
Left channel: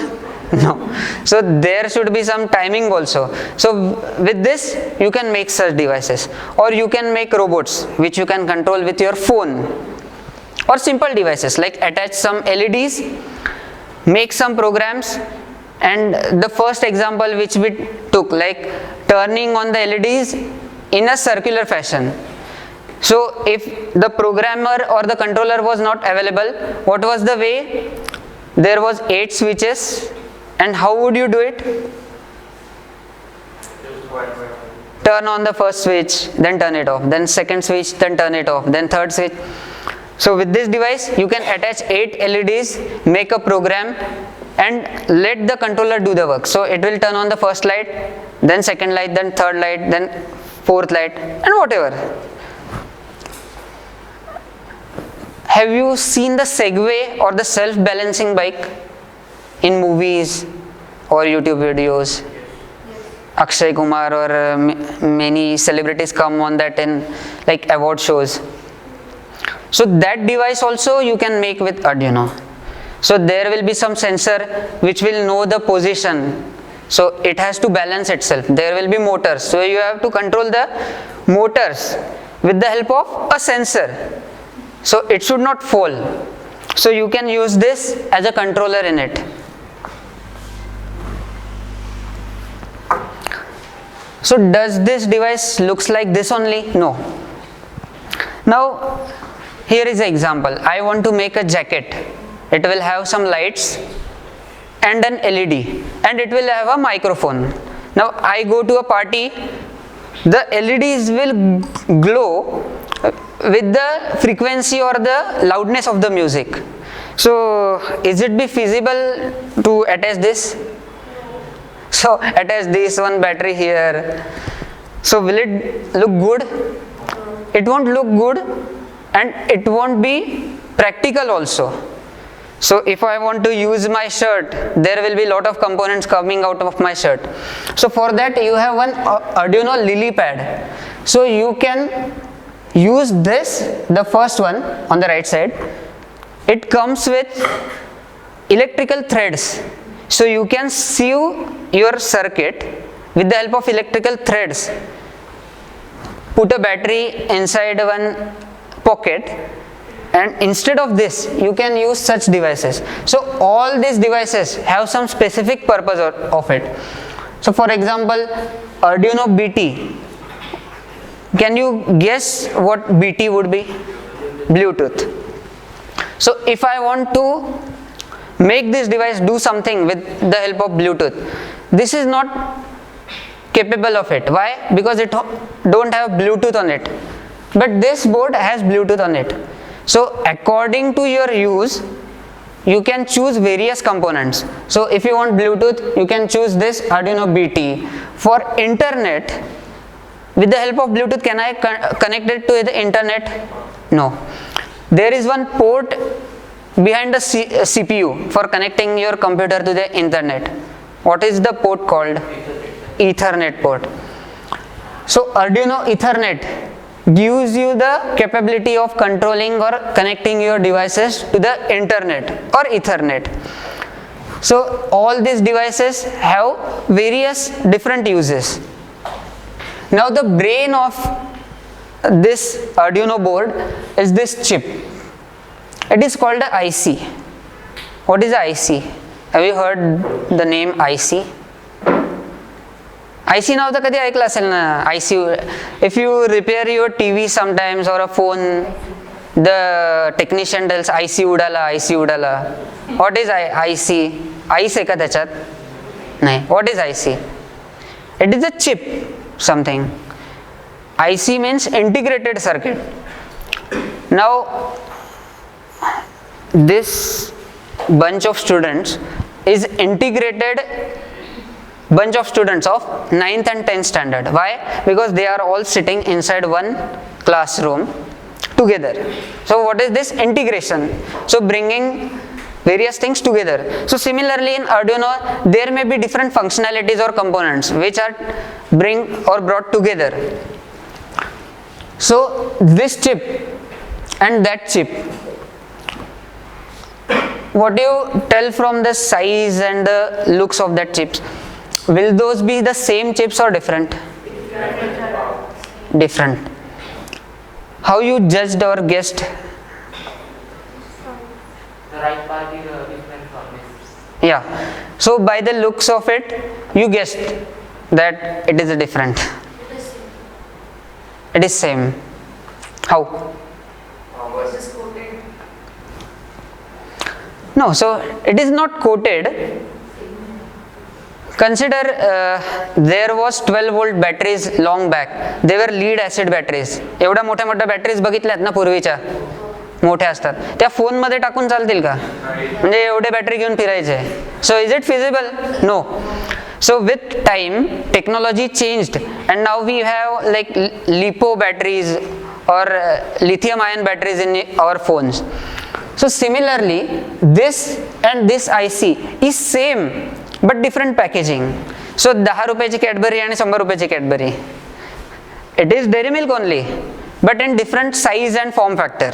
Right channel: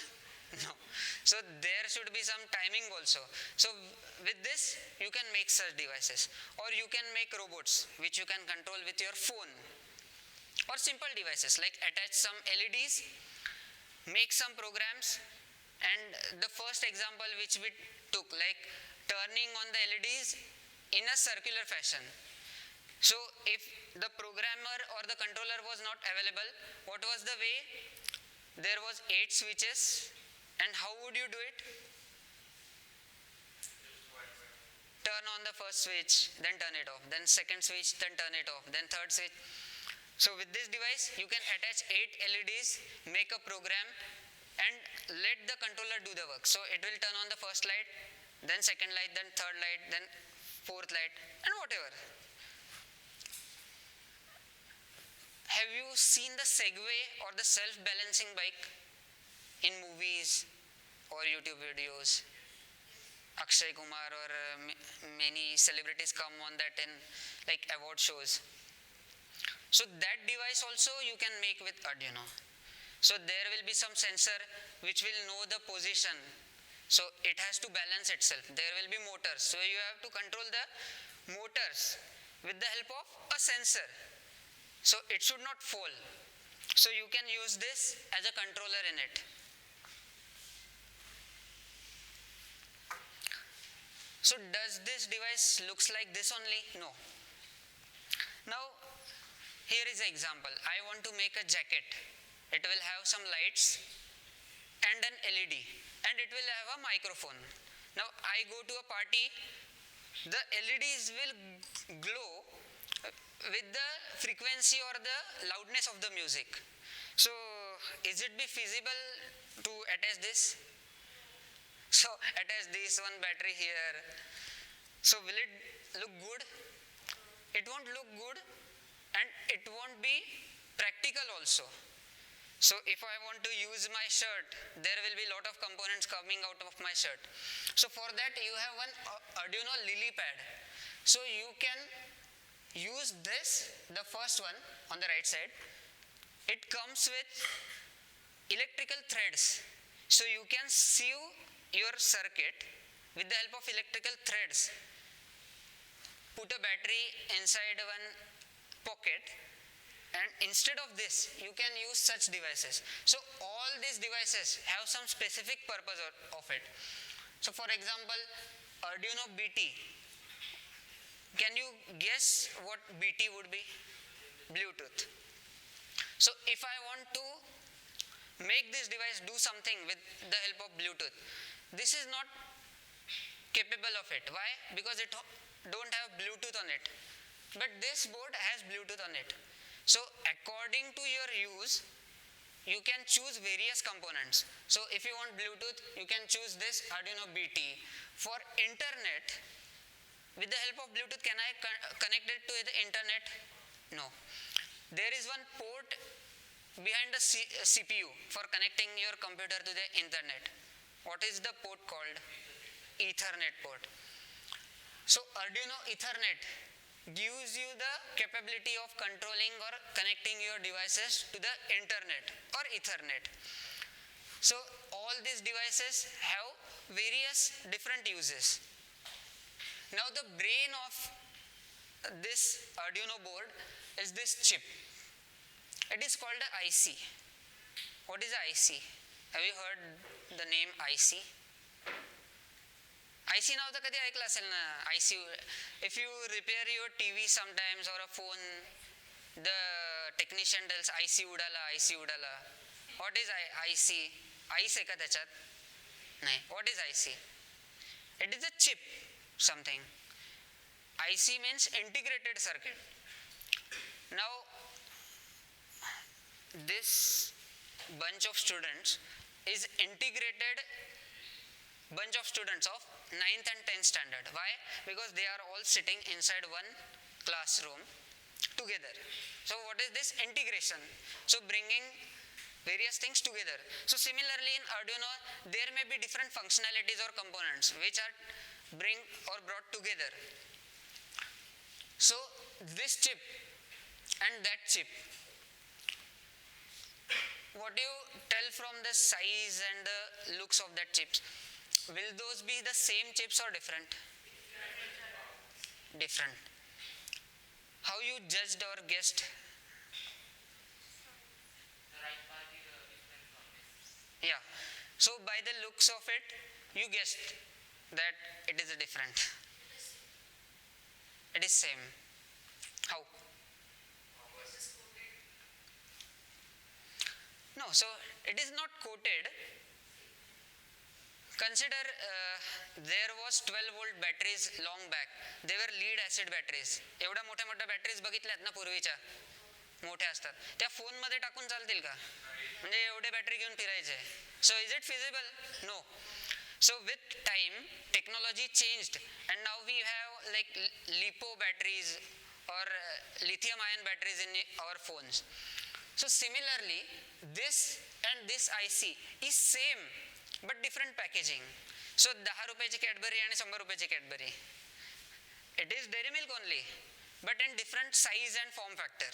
No. So there should be some timing also. So with this you can make such devices, or you can make robots which you can control with your phone, or simple devices like attach some LEDs, make some programs. And the first example which we took, like turning on the LEDs in a circular fashion. So if the programmer or the controller was not available, what was the way? There was 8 switches, and how would you do it? Turn on the first switch, then turn it off, then second switch, then turn it off, then third switch. So with this device you can attach 8 LEDs, make a program and let the controller do the work. So it will turn on the first light, then second light, then third light, then fourth light, and whatever. Have you seen the Segway or the self-balancing bike in movies or YouTube videos? Akshay Kumar or many celebrities come on that in like award shows. So that device also you can make with Arduino. So there will be some sensor which will know the position. So it has to balance itself. There will be motors. So you have to control the motors with the help of a sensor. So it should not fall. So you can use this as a controller in it. So does this device looks like this only? No. Now here is an example. I want to make a jacket. It will have some lights and an LED, and it will have a microphone. Now I go to a party, the LEDs will glow with the frequency or the loudness of the music. So is it be feasible to attach this? So attach this one battery here. So will it look good? It won't look good, and it won't be practical also. So if I want to use my shirt, there will be lot of components coming out of my shirt. So for that you have one Arduino Lily pad. So you can use this, the first one on the right side. It comes with electrical threads. So you can sieve your circuit with the help of electrical threads. Put a battery inside one pocket, and instead of this you can use such devices. So all these devices have some specific purpose of it. So for example, Arduino BT, can you guess what BT would be? Bluetooth. So if I want to make this device do something with the help of Bluetooth, this is not capable of it. Why? Because it don't have Bluetooth on it. But this board has Bluetooth on it. So according to your use, you can choose various components. So if you want Bluetooth, you can choose this Arduino BT. For internet, with the help of Bluetooth, can I connect it to the internet? No. There is one port behind the CPU for connecting your computer to the internet. What is the port called? Ethernet port. So Arduino Ethernet gives you the capability of controlling or connecting your devices to the internet or Ethernet. So all these devices have various different uses. Now the brain of this Arduino board is this chip. It is called a IC. What is a IC? Have you heard the name IC? IC नाव तर कधी ऐकलं असेल ना. IC. If you repair your TV sometimes or a phone, the technician tells IC उडाला, IC उडाला. What is IC? IC आहे का त्याच्यात? नाही. What is IC? It is a chip, something. IC means integrated circuit. Now, this bunch of students is integrated bunch of students of 9th and 10th standard. Why? Because they are all sitting inside one classroom together. So what is this integration? So bringing various things together. So similarly in Arduino, there may be different functionalities or components which are brought together. So this chip and that chip, what do you tell from the size and the looks of that chips? Will those be the same chips or different? Different. How you judged or guessed? The right part is different from this. Yeah. So by the looks of it, you guessed that it is different. It is same. How? This is coated. No, so it is not coated. Consider there was 12 volt batteries long back. They were lead acid batteries. एवढ्या मोठ्या मोठ्या batteries बघितल्यात ना पूर्वीच्या, मोठ्या असतात त्या phone मध्ये टाकून चालतील का? म्हणजे एवढे बॅटरी घेऊन फिरायचे. So is it feasible? No. So with time technology changed and now we have like LiPo batteries or lithium ion batteries in our phones. So similarly this and this IC is same but different packaging. So 10 रुपयाची Cadbury आणि 100 रुपयाची Cadbury. It is dairy milk only but in different size and form factor.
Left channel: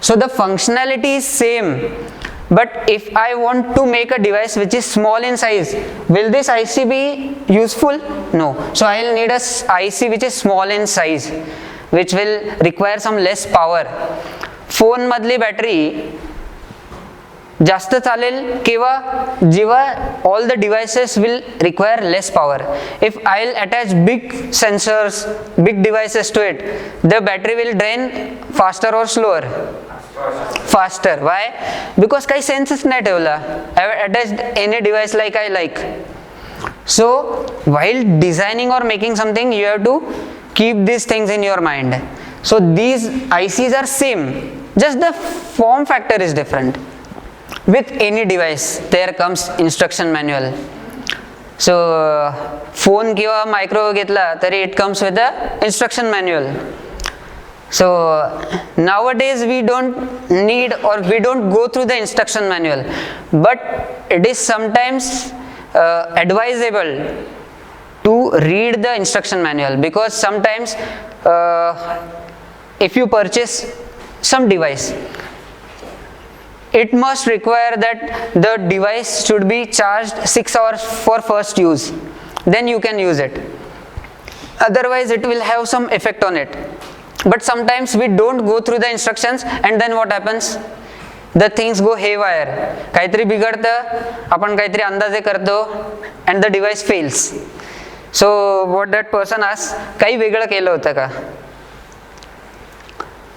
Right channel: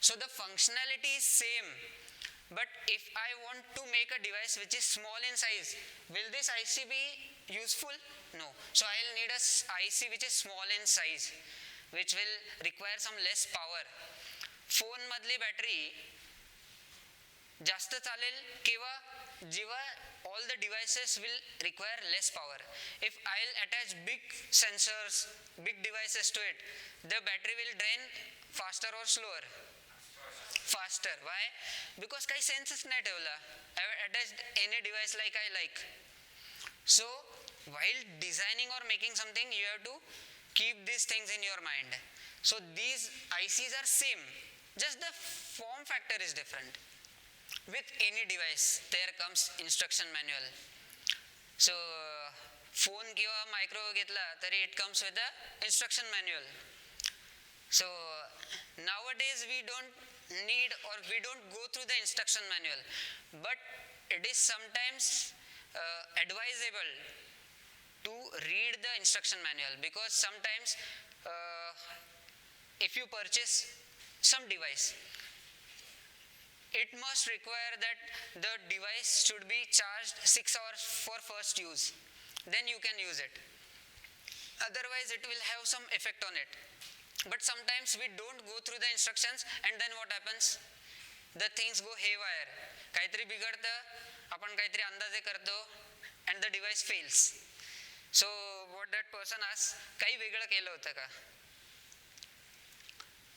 So the functionality is same. But if I want to make a device which is small in size, will this IC be useful? No. So I will need a IC which is small in size, which will require some less power. Phone मधली battery जास्त चालेल केव्हा? जेव्हा all the devices will require less power. If I'll attach big sensors, big devices to it, the battery will drain faster or slower? Faster. Why? Because काही सेन्सच नाही ठेवला. I have attached any device like I like. So while designing or making something, you have to keep these things in your mind. So these ICs are same, just the form factor is different. With any device there comes instruction manual. So phone किंवा microwave घेतला तरी it comes with the instruction manual. So nowadays we don't need or we don't go through the instruction manual, but it is sometimes advisable to read the instruction manual, because sometimes if you purchase some device, it must require that the device should be charged 6 hours for first use, then you can use it, otherwise it will have some effect on it. But sometimes we don't go through the instructions, and then what happens? The things go haywire. काहीतरी बिघडतं, आपण काहीतरी अंदाजे करतो, and the device fails. So what that person asks, काही वेगळं केलं होतं का?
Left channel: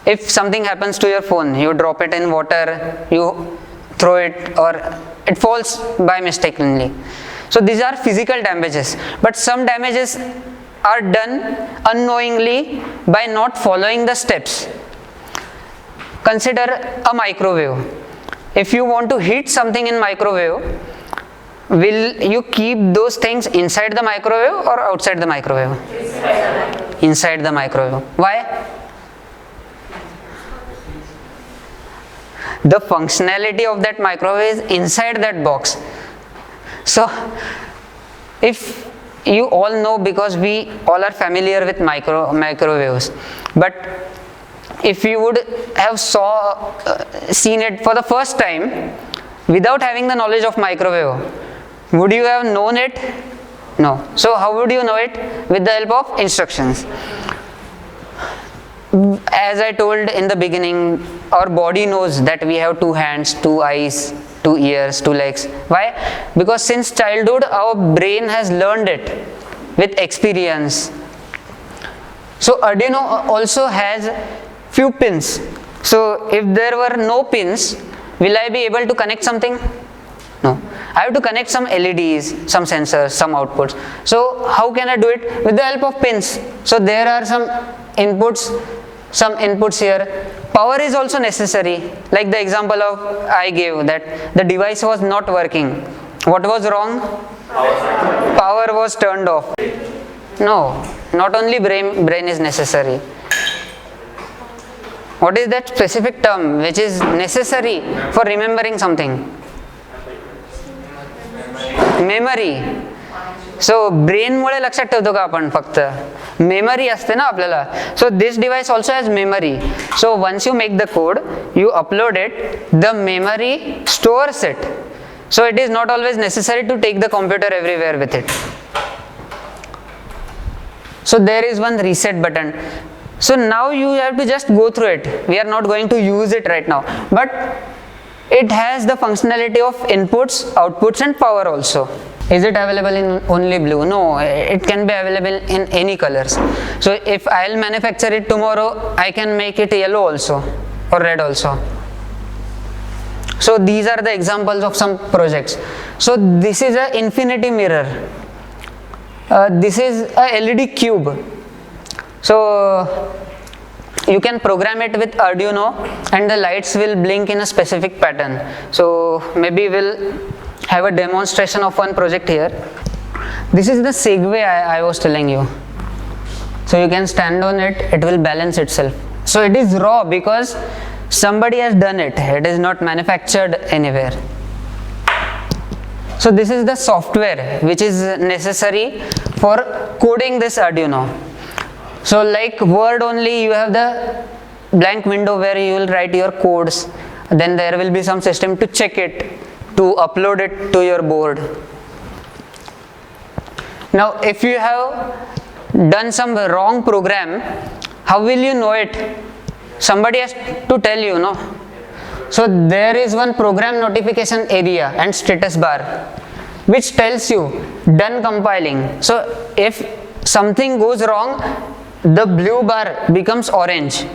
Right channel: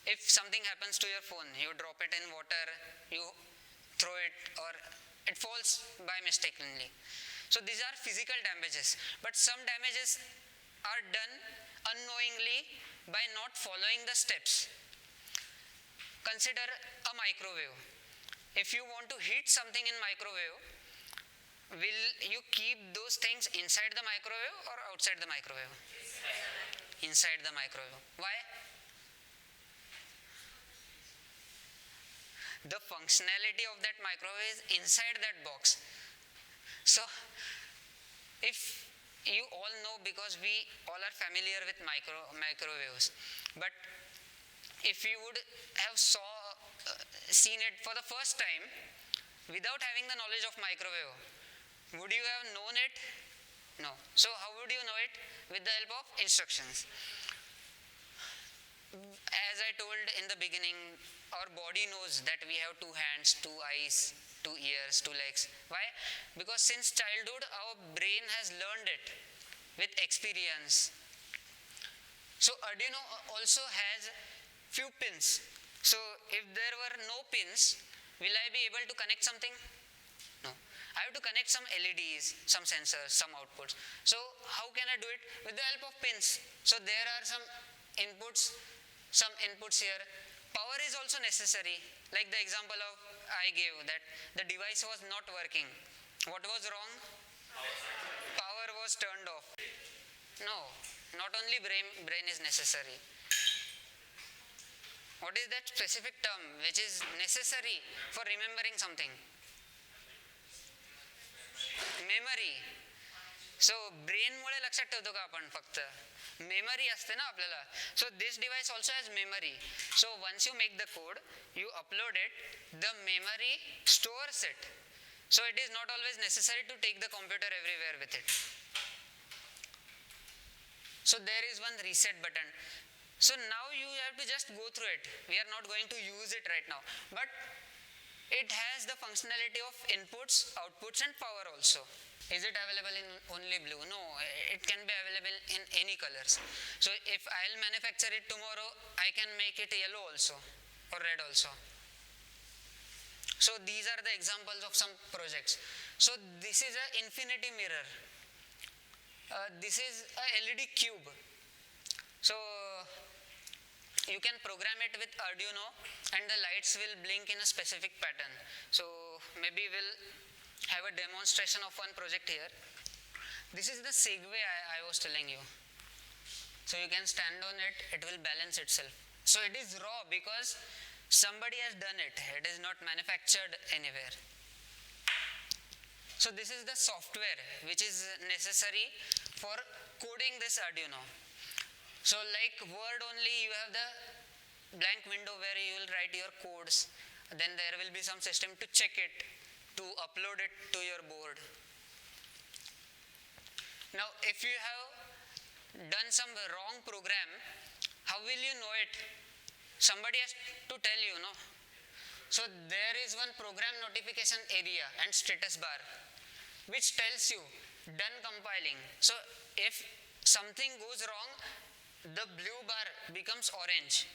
If something happens to your phone, you drop it in water, you throw it, or it falls by mistakenly. So these are physical damages, but some damages are done unknowingly by not following the steps. Consider a microwave. If you want to heat something in microwave, will you keep those things inside the microwave or outside the microwave? Inside the microwave. Why? The functionality of that microwave is inside that box. So if you all know, because we all are familiar with microwaves, but if you would have seen it for the first time without having the knowledge of microwave, would you have known it? No. So how would you know it? With the help of instructions. As I told in the beginning, our body knows that we have 2 hands, 2 eyes, 2 ears, 2 legs. Why? Because since childhood our brain has learned it with experience. So Arduino also has few pins. So if there were no pins, will I be able to connect something? No. I have to connect some LEDs, some sensors, some outputs. So how can I do it? With the help of pins. So there are some inputs here. Power is also necessary, like the example of I gave, that the device was not working. What was wrong? Power was turned off. No, not only brain is necessary. What is that specific term which is necessary for remembering something? Memory. So brain मुळे लक्षात ठेवतो का आपण फक्त? Memory असते ना आपल्याला. So this device also has memory. So once you make the code, you upload it, the memory stores it. So it is not always necessary to take the computer everywhere with it. So there is one reset button. So now you have to just go through it. We are not going to use it right now, but it has the functionality of inputs, outputs and power also. Is it available in only blue? No, it can be available in any colors. So if I'll manufacture it tomorrow, I can make it yellow also or red also. So these are the examples of some projects. So this is an infinity mirror. This is a LED cube. So you can program it with Arduino and the lights will blink in a specific pattern. So maybe we'll have a demonstration of one project here. This is the Segway I was telling you. So you can stand on it, it will balance itself. So it is raw because somebody has done it. It is not manufactured anywhere. So this is the software which is necessary for coding this Arduino. So like Word only, you have the blank window where you will write your codes. Then there will be some system to check it, to upload it to your board. Now if you have done some wrong program, how will you know it? Somebody has to tell you, no? So there is one program notification area and status bar which tells you done compiling. So if something goes wrong, the blue bar becomes orange,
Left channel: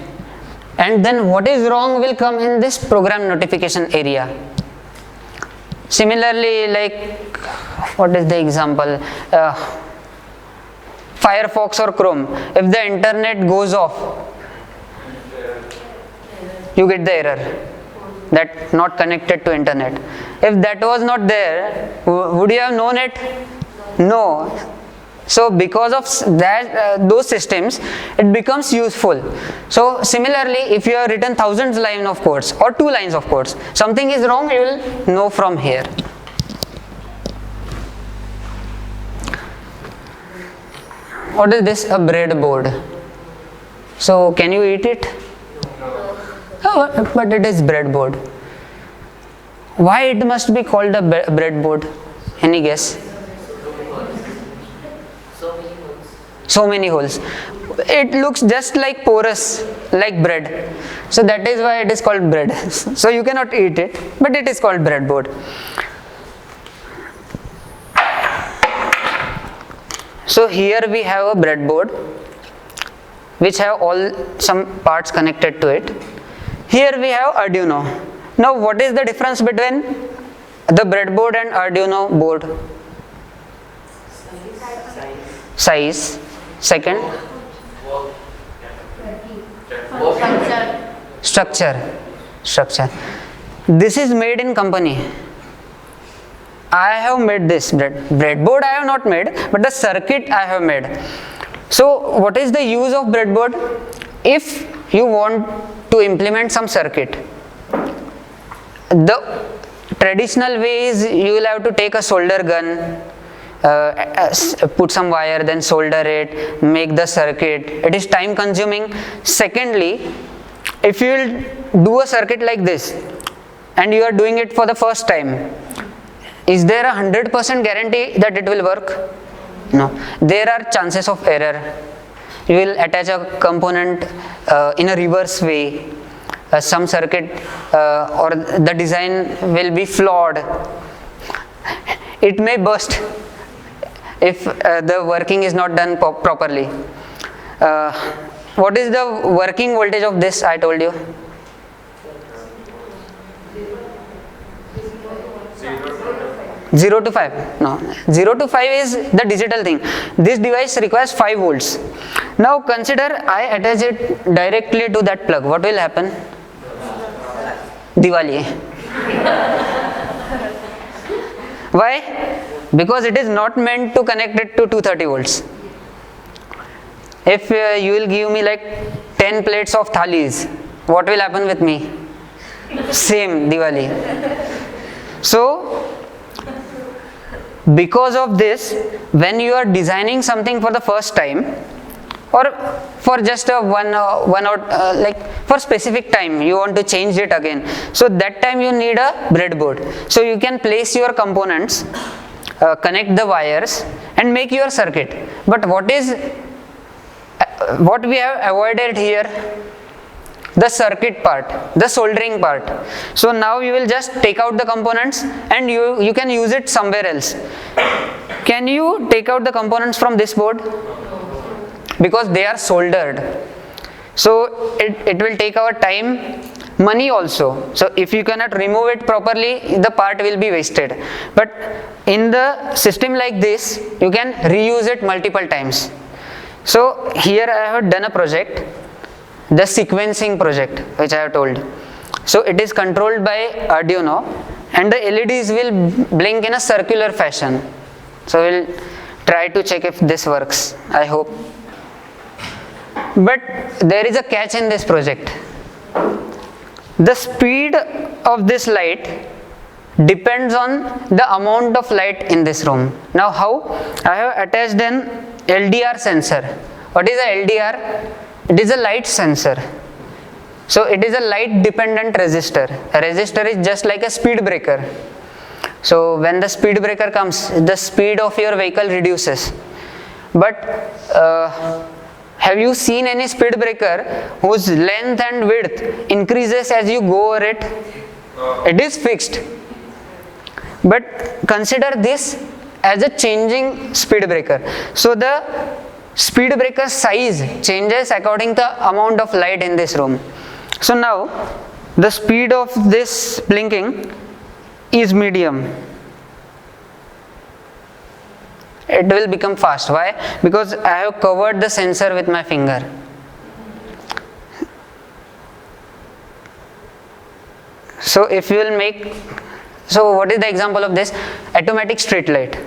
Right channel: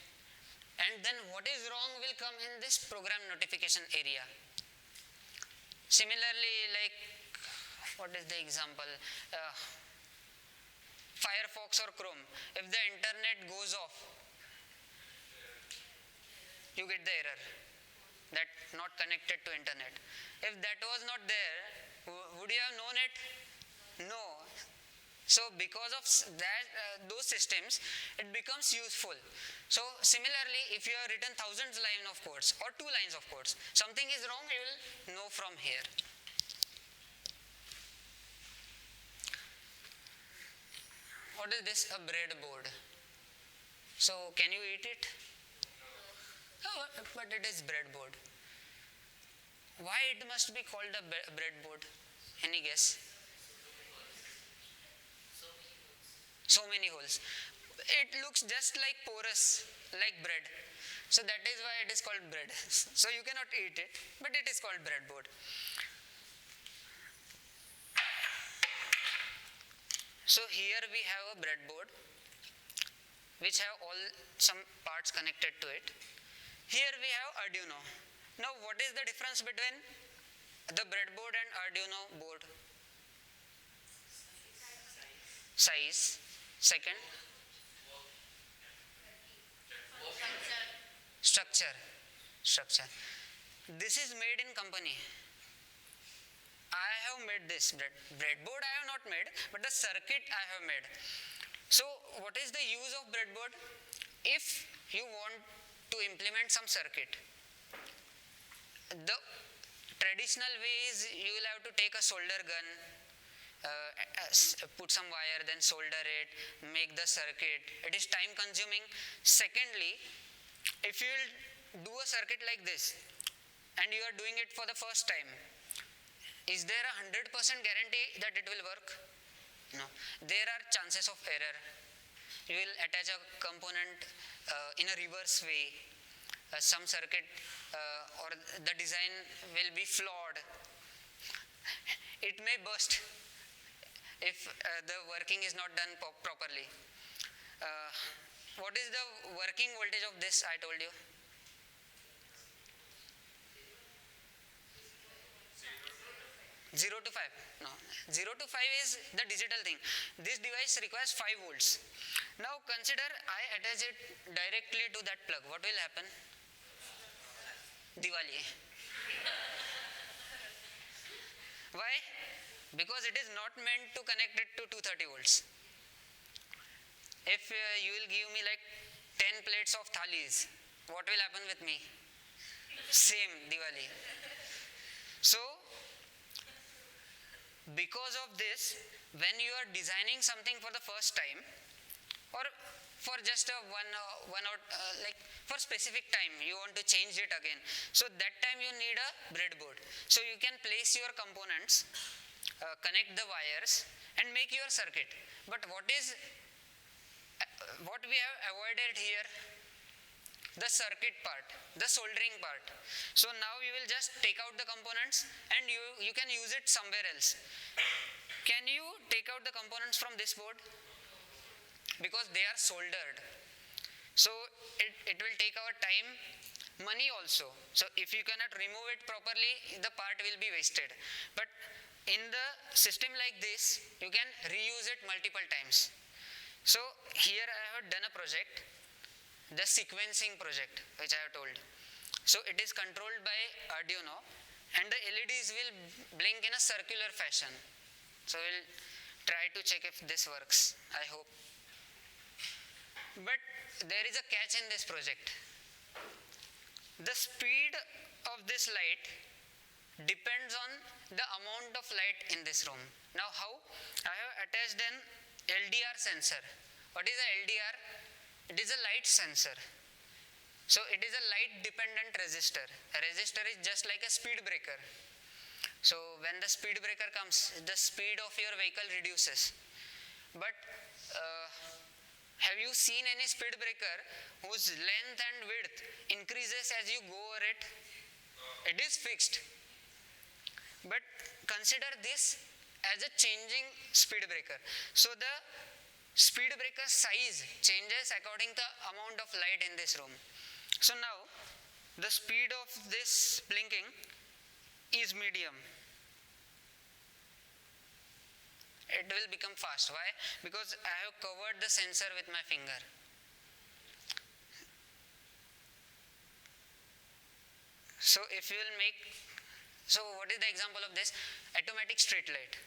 and then what is wrong will come in this program notification area. Similarly, like what is the example? Firefox or Chrome. If the internet goes off, you get the error that not connected to internet. If that was not there, would you have known it? No. So because of that, those systems, it becomes useful. So similarly, if you have written thousands line of codes or 2 lines of codes, something is wrong, you will know from here. What is this? A breadboard. So can you eat it? Oh, but it is breadboard. Why it must be called a breadboard? Any guess? So many holes. It looks just like porous, like bread. So that is why it is called bread. So you cannot eat it, but it is called breadboard. So here we have a breadboard which have all some parts connected to it. Here we have Arduino. Now what is the difference between the breadboard and Arduino board? Size. Second, structure. This is made in company. I have made this breadboard. I have not made, but the circuit I have made. So what is the use of breadboard? If you want to implement some circuit, the traditional way is you will have to take a solder gun, put some wire, then solder it, make the circuit. It is time consuming. Secondly, if you will do a circuit like this and you are doing it for the first time, is there a 100% guarantee that it will work? No. There are chances of error. You will attach a component in a reverse way. Some circuit or the design will be flawed. It may burst if the working is not done properly. What is the working voltage of this? I told you. 0 to 5. No, 0 to 5 is the digital thing. This device requires 5 volts. Now consider I attach it directly to that plug. What will happen? Diwali. Why? Because it is not meant to connect it to 230 volts. If you will give me like 10 plates of thalis, what will happen with me? Same Diwali. So because of this, when you are designing something for the first time, or for just a like for specific time you want to change it again, so that time you need a breadboard. So you can place your components, connect the wires and make your circuit. But what we have avoided here? The circuit part, the soldering part. So now you will just take out the components and you can use it somewhere else. Can you take out the components from this board? Because they are soldered. So it will take our time, money also. So if you cannot remove it properly, the part will be wasted. But in the system like this, you can reuse it multiple times. So here I have done a project, the sequencing project, which I have told. So it is controlled by Arduino and the LEDs will blink in a circular fashion. So we'll try to check if this works, I hope. But there is a catch in this project. The speed of this light depends on the amount of light in this room. Now how? I have attached an LDR sensor. What is a LDR? It is a light sensor. So it is a light dependent resistor. A resistor is just like a speed breaker. So when the speed breaker comes, the speed of your vehicle reduces. But have you seen any speed breaker whose length and width increases as you go over it? It is fixed. But consider this as a changing speed breaker. So the speed breaker size changes according to the amount of light in this room. So now the speed of this blinking is medium. It will become fast. Why? Because I have covered the sensor with my finger. So if you will make, so what is the example of this? Automatic street light.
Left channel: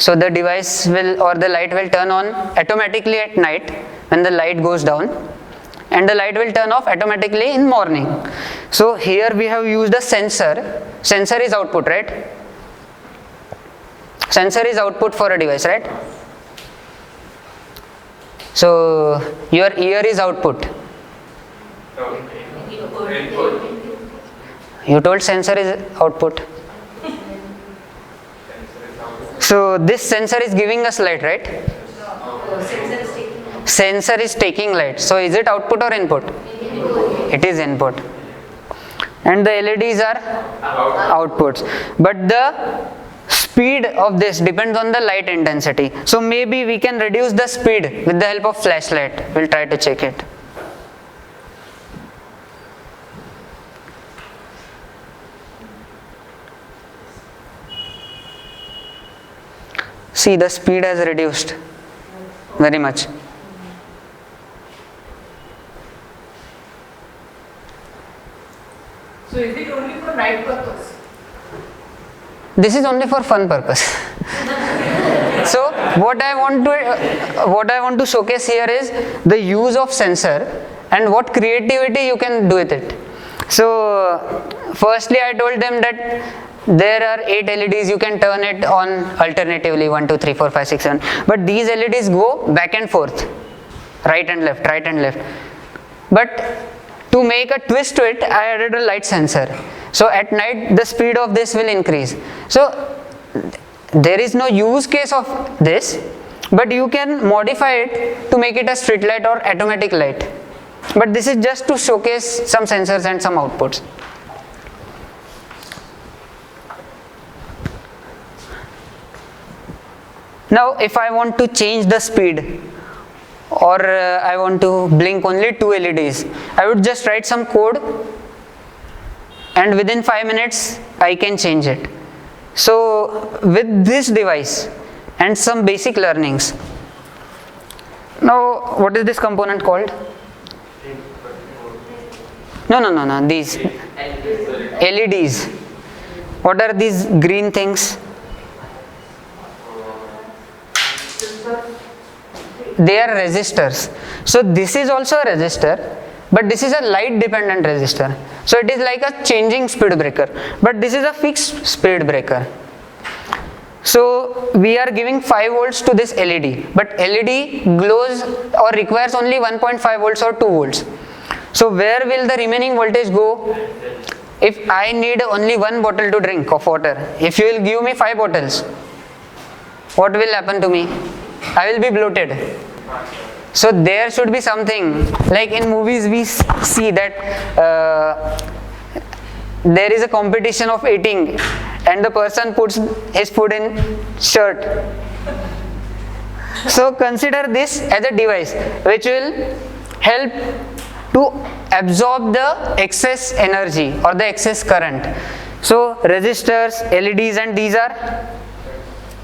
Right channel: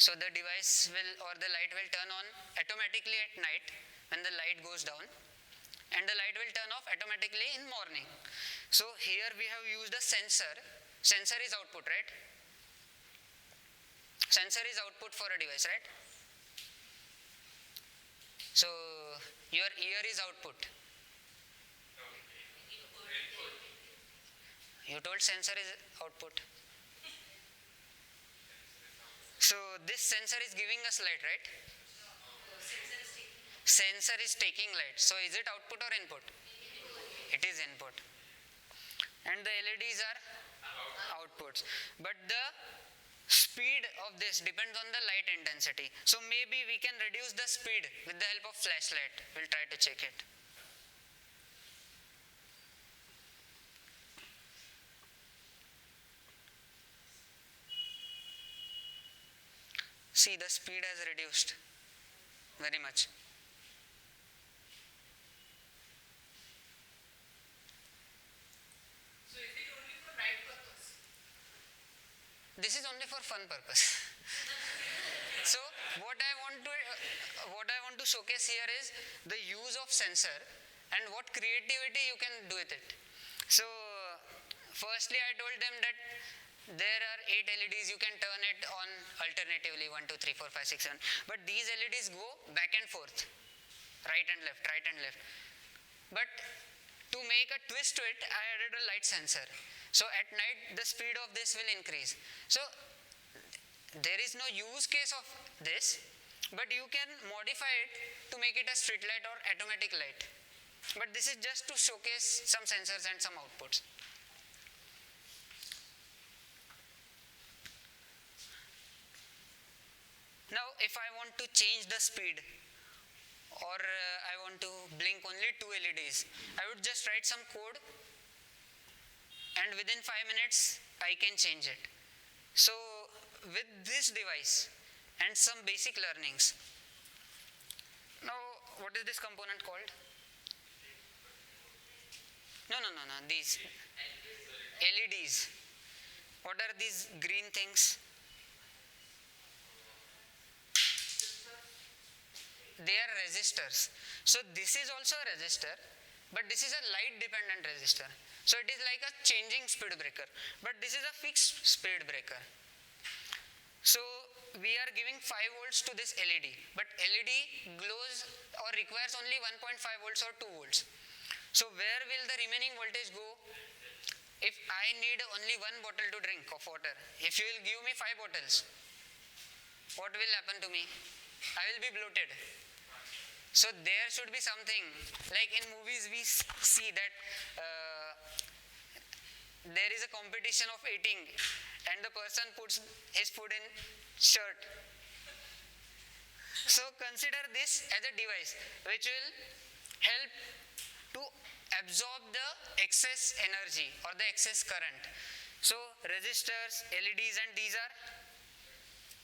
So the device will, or the light will turn on automatically at night when the light goes down, and the light will turn off automatically in morning. So here we have used a sensor. Sensor is output, right? Sensor is output for a device, right? So your ear is output. You told sensor is output. So this sensor is giving us light, right? Sensor is taking light. So is it output or input? It is input. And the LEDs are outputs. But the speed of this depends on the light intensity. So maybe we can reduce the speed with the help of flashlight. We'll try to check it. See, the speed has reduced very much. So is it only for night purpose? This is only for fun purpose. So what I want to showcase here is the use of sensor and what creativity you can do with it. So firstly I told them that there are 8 LEDs, you can turn it on alternatively, 1, 2, 3, 4, 5, 6, 7. But these LEDs go back and forth, right and left, right and left. But to make a twist to it, I added a light sensor. So at night the speed of this will increase. So there is no use case of this, but you can modify it to make it a street light or automatic light. But this is just to showcase some sensors and some outputs. Now if I want to change the speed, or I want to blink only 2 LEDs, I would just write some code and within 5 minutes I can change it. So with this device and some basic learnings. Now what is this component called? No, these LEDs. What are these green things? They are resistors. So this is also a resistor, but this is a light dependent resistor. So it is like a changing speed breaker, but this is a fixed speed breaker. So we are giving 5 volts to this LED, but LED glows or requires only 1.5 volts or 2 volts. So where will the remaining voltage go? If I need only 1 bottle to drink of water, if you will give me 5 bottles, what will happen to me? I will be bloated. So there should be something, like in movies we see that there is a competition of eating and the person puts his food in shirt. So consider this as a device which will help to absorb the excess energy or the excess current. So resistors, LEDs, and these are,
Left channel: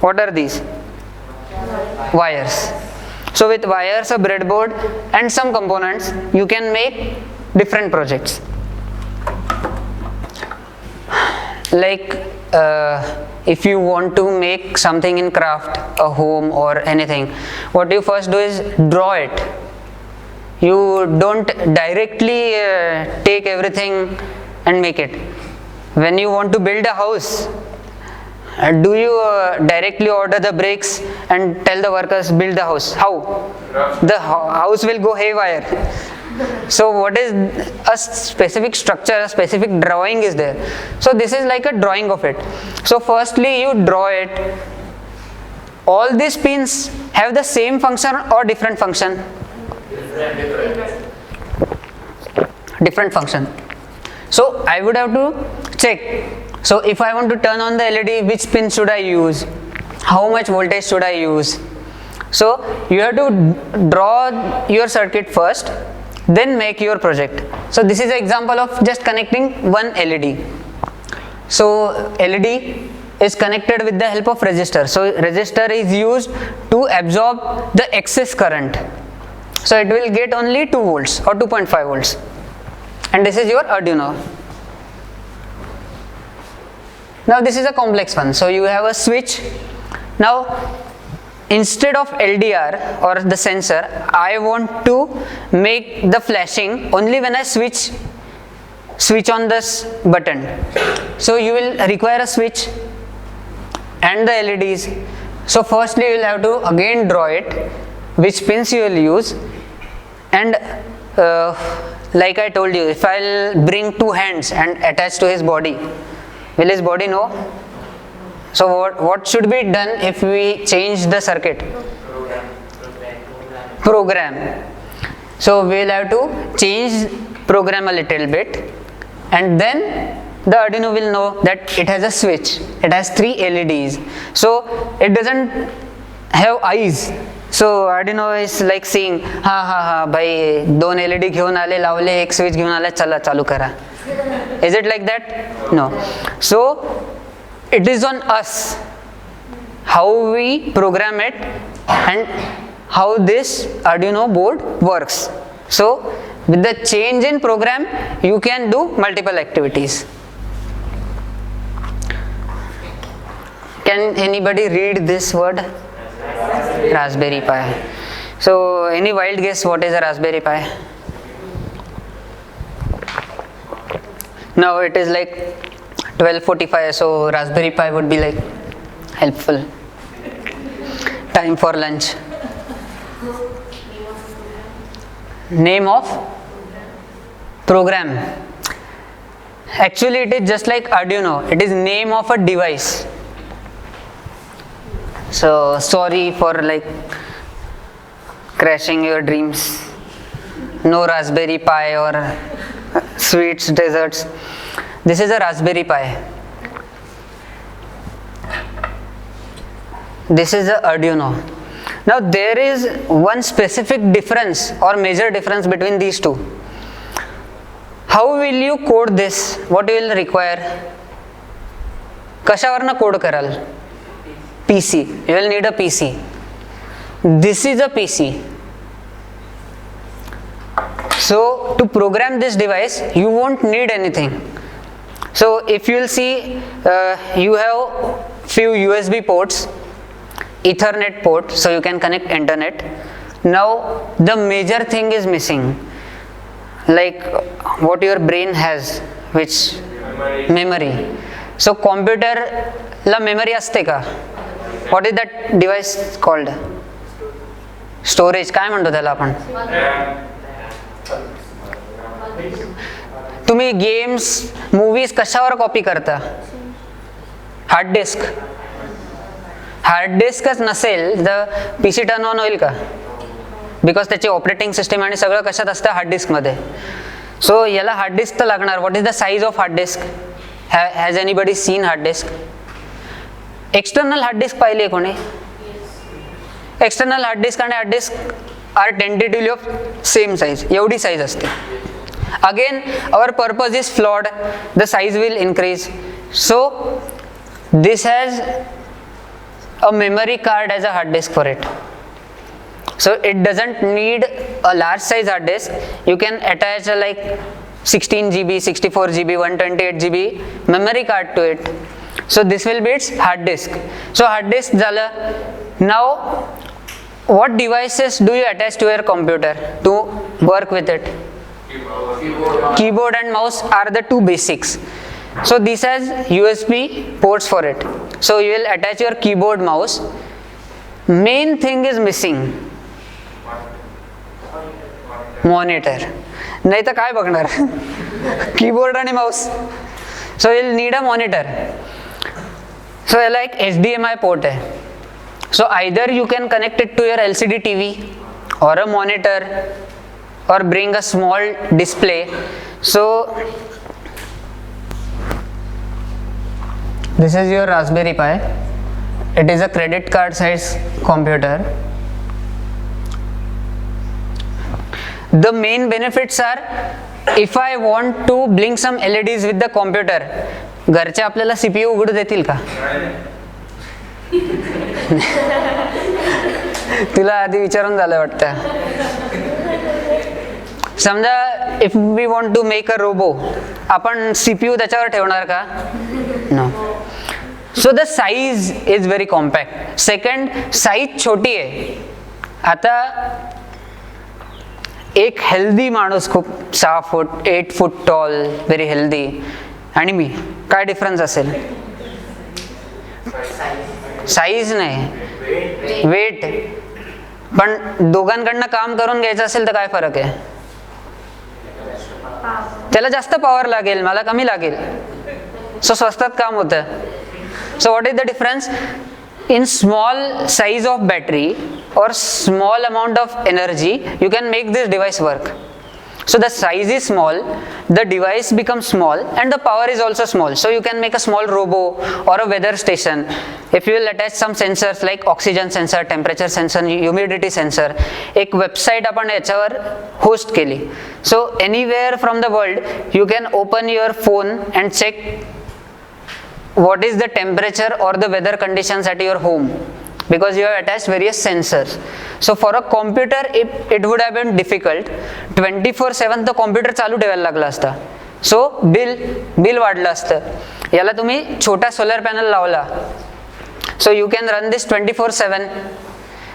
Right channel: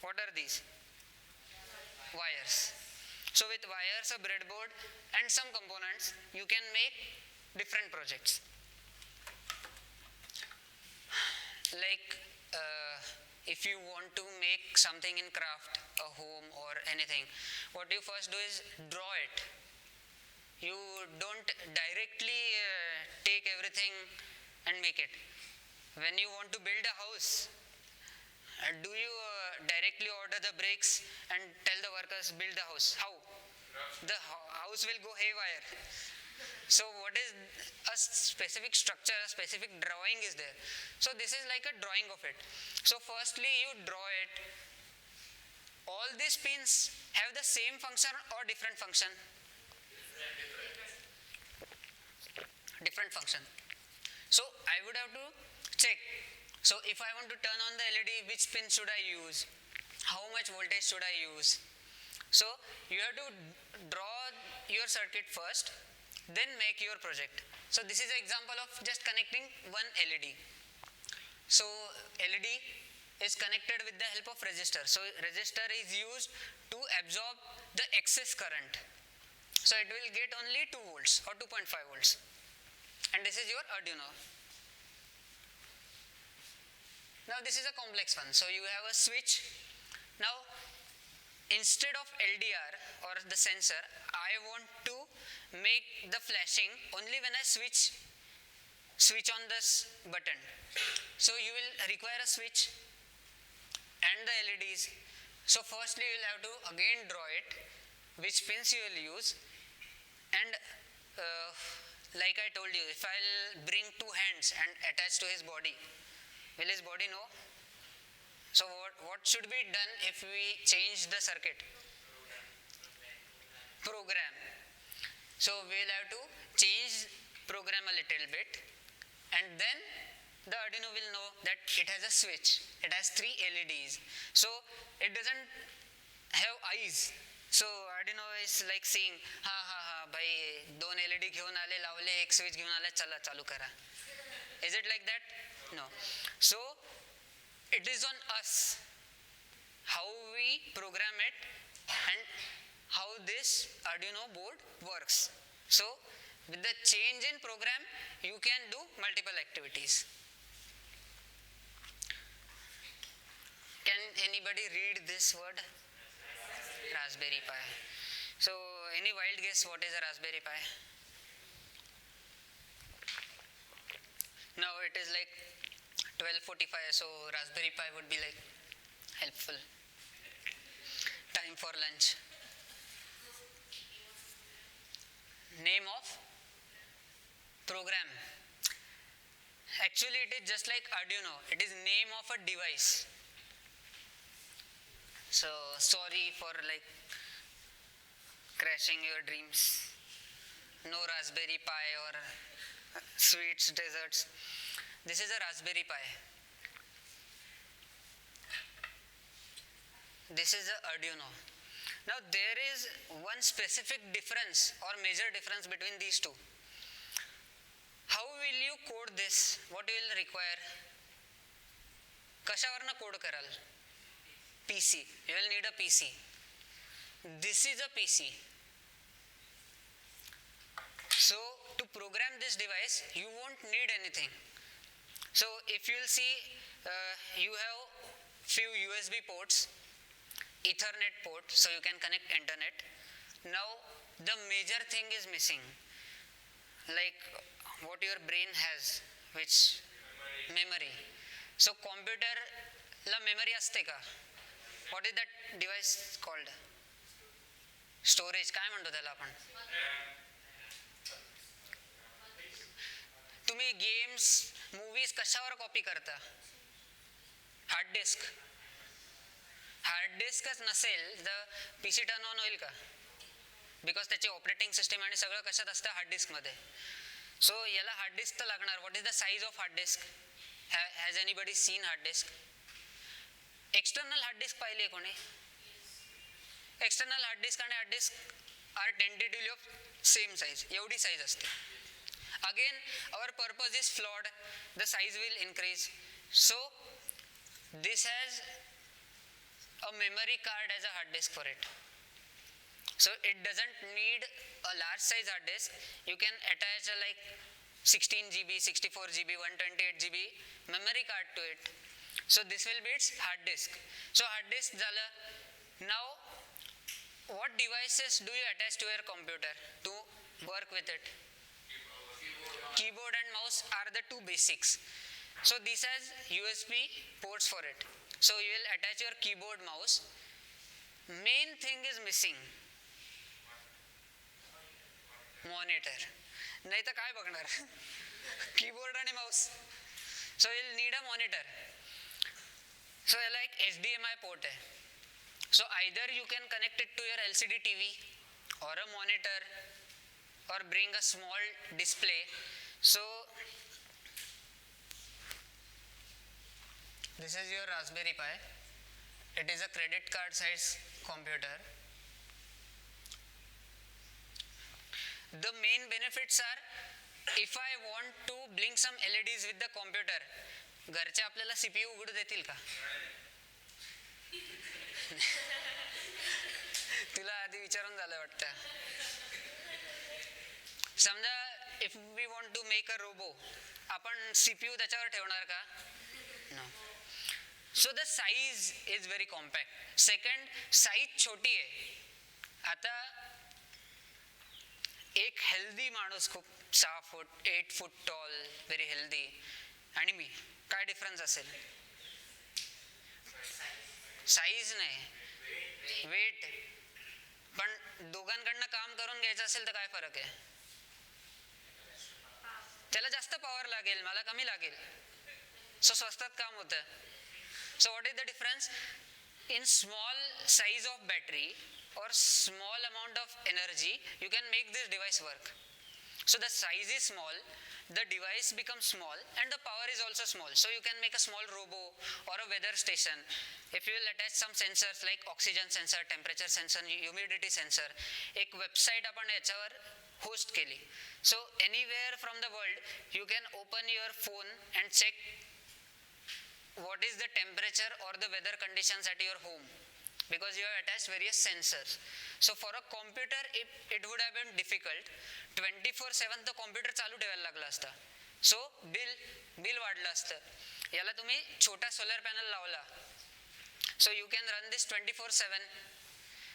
what are these? Wires. So with wires, a breadboard and some components, you can make different projects. Like if you want to make something in craft, a home or anything, what you first do is draw it. You don't directly take everything and make it. When you want to build a house, do you directly order the bricks and tell the workers build the house? How? The house will go haywire. So what is a specific structure, a specific drawing is there. So this is like a drawing of it. So firstly you draw it. All these pins have the same function or different function? Different function. So I would have to check. So if I want to turn on the LED, which pin should I use? How much voltage should I use? So you have to draw your circuit first, then make your project. So this is an example of just connecting one LED. So LED is connected with the help of resistor. So resistor is used to absorb the excess current. So it will get only 2 volts or 2.5 volts. And this is your Arduino. Now this is a complex one. So you have a switch Now, instead of LDR or the sensor, I want to make the flashing only when I switch on this button. So you will require a switch and the LEDs. So firstly you will have to again draw it, which pins you will use, and like I told you, if I'll bring two hands and attach to his body, will his body know? So what should be done if we change the circuit? Program. So we will have to change program a little bit, and then the Arduino will know that it has a switch, it has 3 LEDs, so it doesn't have eyes. So Arduino is like saying, ha bhai 2 LED घेऊन आले, लावले, एक switch घेऊन आले, चला चालू करा. Is it like that? No. So it is on us how we program it and how this Arduino board works. So with the change in program, you can do multiple activities. Can anybody read this word? Raspberry Pi. So any wild guess what is a Raspberry Pi? Now it is like 12:45, so Raspberry Pi would be like helpful. Time for lunch. Name of program. Actually it is just like Arduino, it is name of a device. So sorry for like crashing your dreams. No Raspberry Pi or sweets, desserts. This is a Raspberry Pi. This is a Arduino. Now there is one specific difference or major difference between these two. How will you code this? What you will require? कशावरनं code कराल? PC. You will need a PC. This is a PC. So to program this device, you won't need anything. So if you will see, you have few USB ports, Ethernet port, so you can connect internet. Now the major thing is missing, like what your brain has, which memory. So computer la memory असते का? What is that device called? Storage. काय म्हणतो त्याला आपण? तुम्ही games, movies कशावर copy करता? Hard disk. Hard डिस्कच नसेल तर पीसी टर्न ऑन होईल का? बिकॉज त्याची ऑपरेटिंग सिस्टम आणि सगळं कशात असतं? हार्ड डिस्क मध्ये. सो याला हार्ड डिस्क तर लागणार. What is the size of hard disk? Has anybody seen hard disk? External hard disk पाहिली आहे कोणी? एक्सटर्नल हार्ड डिस्क आणि hard disk are tentatively of same size. एवढी साइज असते. Again, our purpose is flawed. The size will increase. So this has a memory card as a hard disk for it. So it doesn't need a large size hard disk. You can attach a like 16 GB, 64 GB, 128 GB memory card to it. So this will be its hard disk. So hard disk झालं. Now what devices do you attach to your computer to work with it? Keyboard and mouse are the two basics. So this has USB ports for it. So you will attach your keyboard, mouse. Main thing is missing. Monitor. नाही तर काय बघणार? Keyboard आणि mouse. So you'll need a monitor. So like HDMI port है. So either you can connect it to your LCD TV or a monitor, or bring a small display. So this is your Raspberry Pi. It is a credit card size computer. The main benefits are, if I want to blink some LEDs with the computer, घरचे आपल्याला CPU उघडू देतील का? तुला आधी विचारून झालं वाटतं. समजा if we want to make a robot, आपण CPU त्याच्यावर ठेवणार का? No. So the size is very compact. Second, size छोटी आहे. आता एक हेल्दी माणूस, खूप 6 foot 8 foot tall, very healthy, आणि मी, काय डिफरन्स असेल? साईज नाही, वेट. पण दोघांकडनं काम करून घ्यायचं असेल तर काय फरक आहे? त्याला जास्त पॉवर लागेल, मला कमी लागेल. सो स्वस्तात काम होतं. सो what is the difference? In small size of battery or small amount of energy, you can make this device work. So the size is small, the device becomes small, and the power is also small. So you can make a small robo or a weather station. If you will attach some sensors like oxygen sensor, temperature sensor, humidity sensor, एक website आपण याच्यावर host केली. So anywhere from the world you can open your phone and check what is the temperature or the weather conditions at your home, because you have attached various sensors. So for a computer it would have been difficult. 24/7 तो computer चालू ठेवायला लागला असता. सो bill वाढलं असतं. याला तुम्ही छोटा सोलर पॅनल लावला, so you can run this 24/7.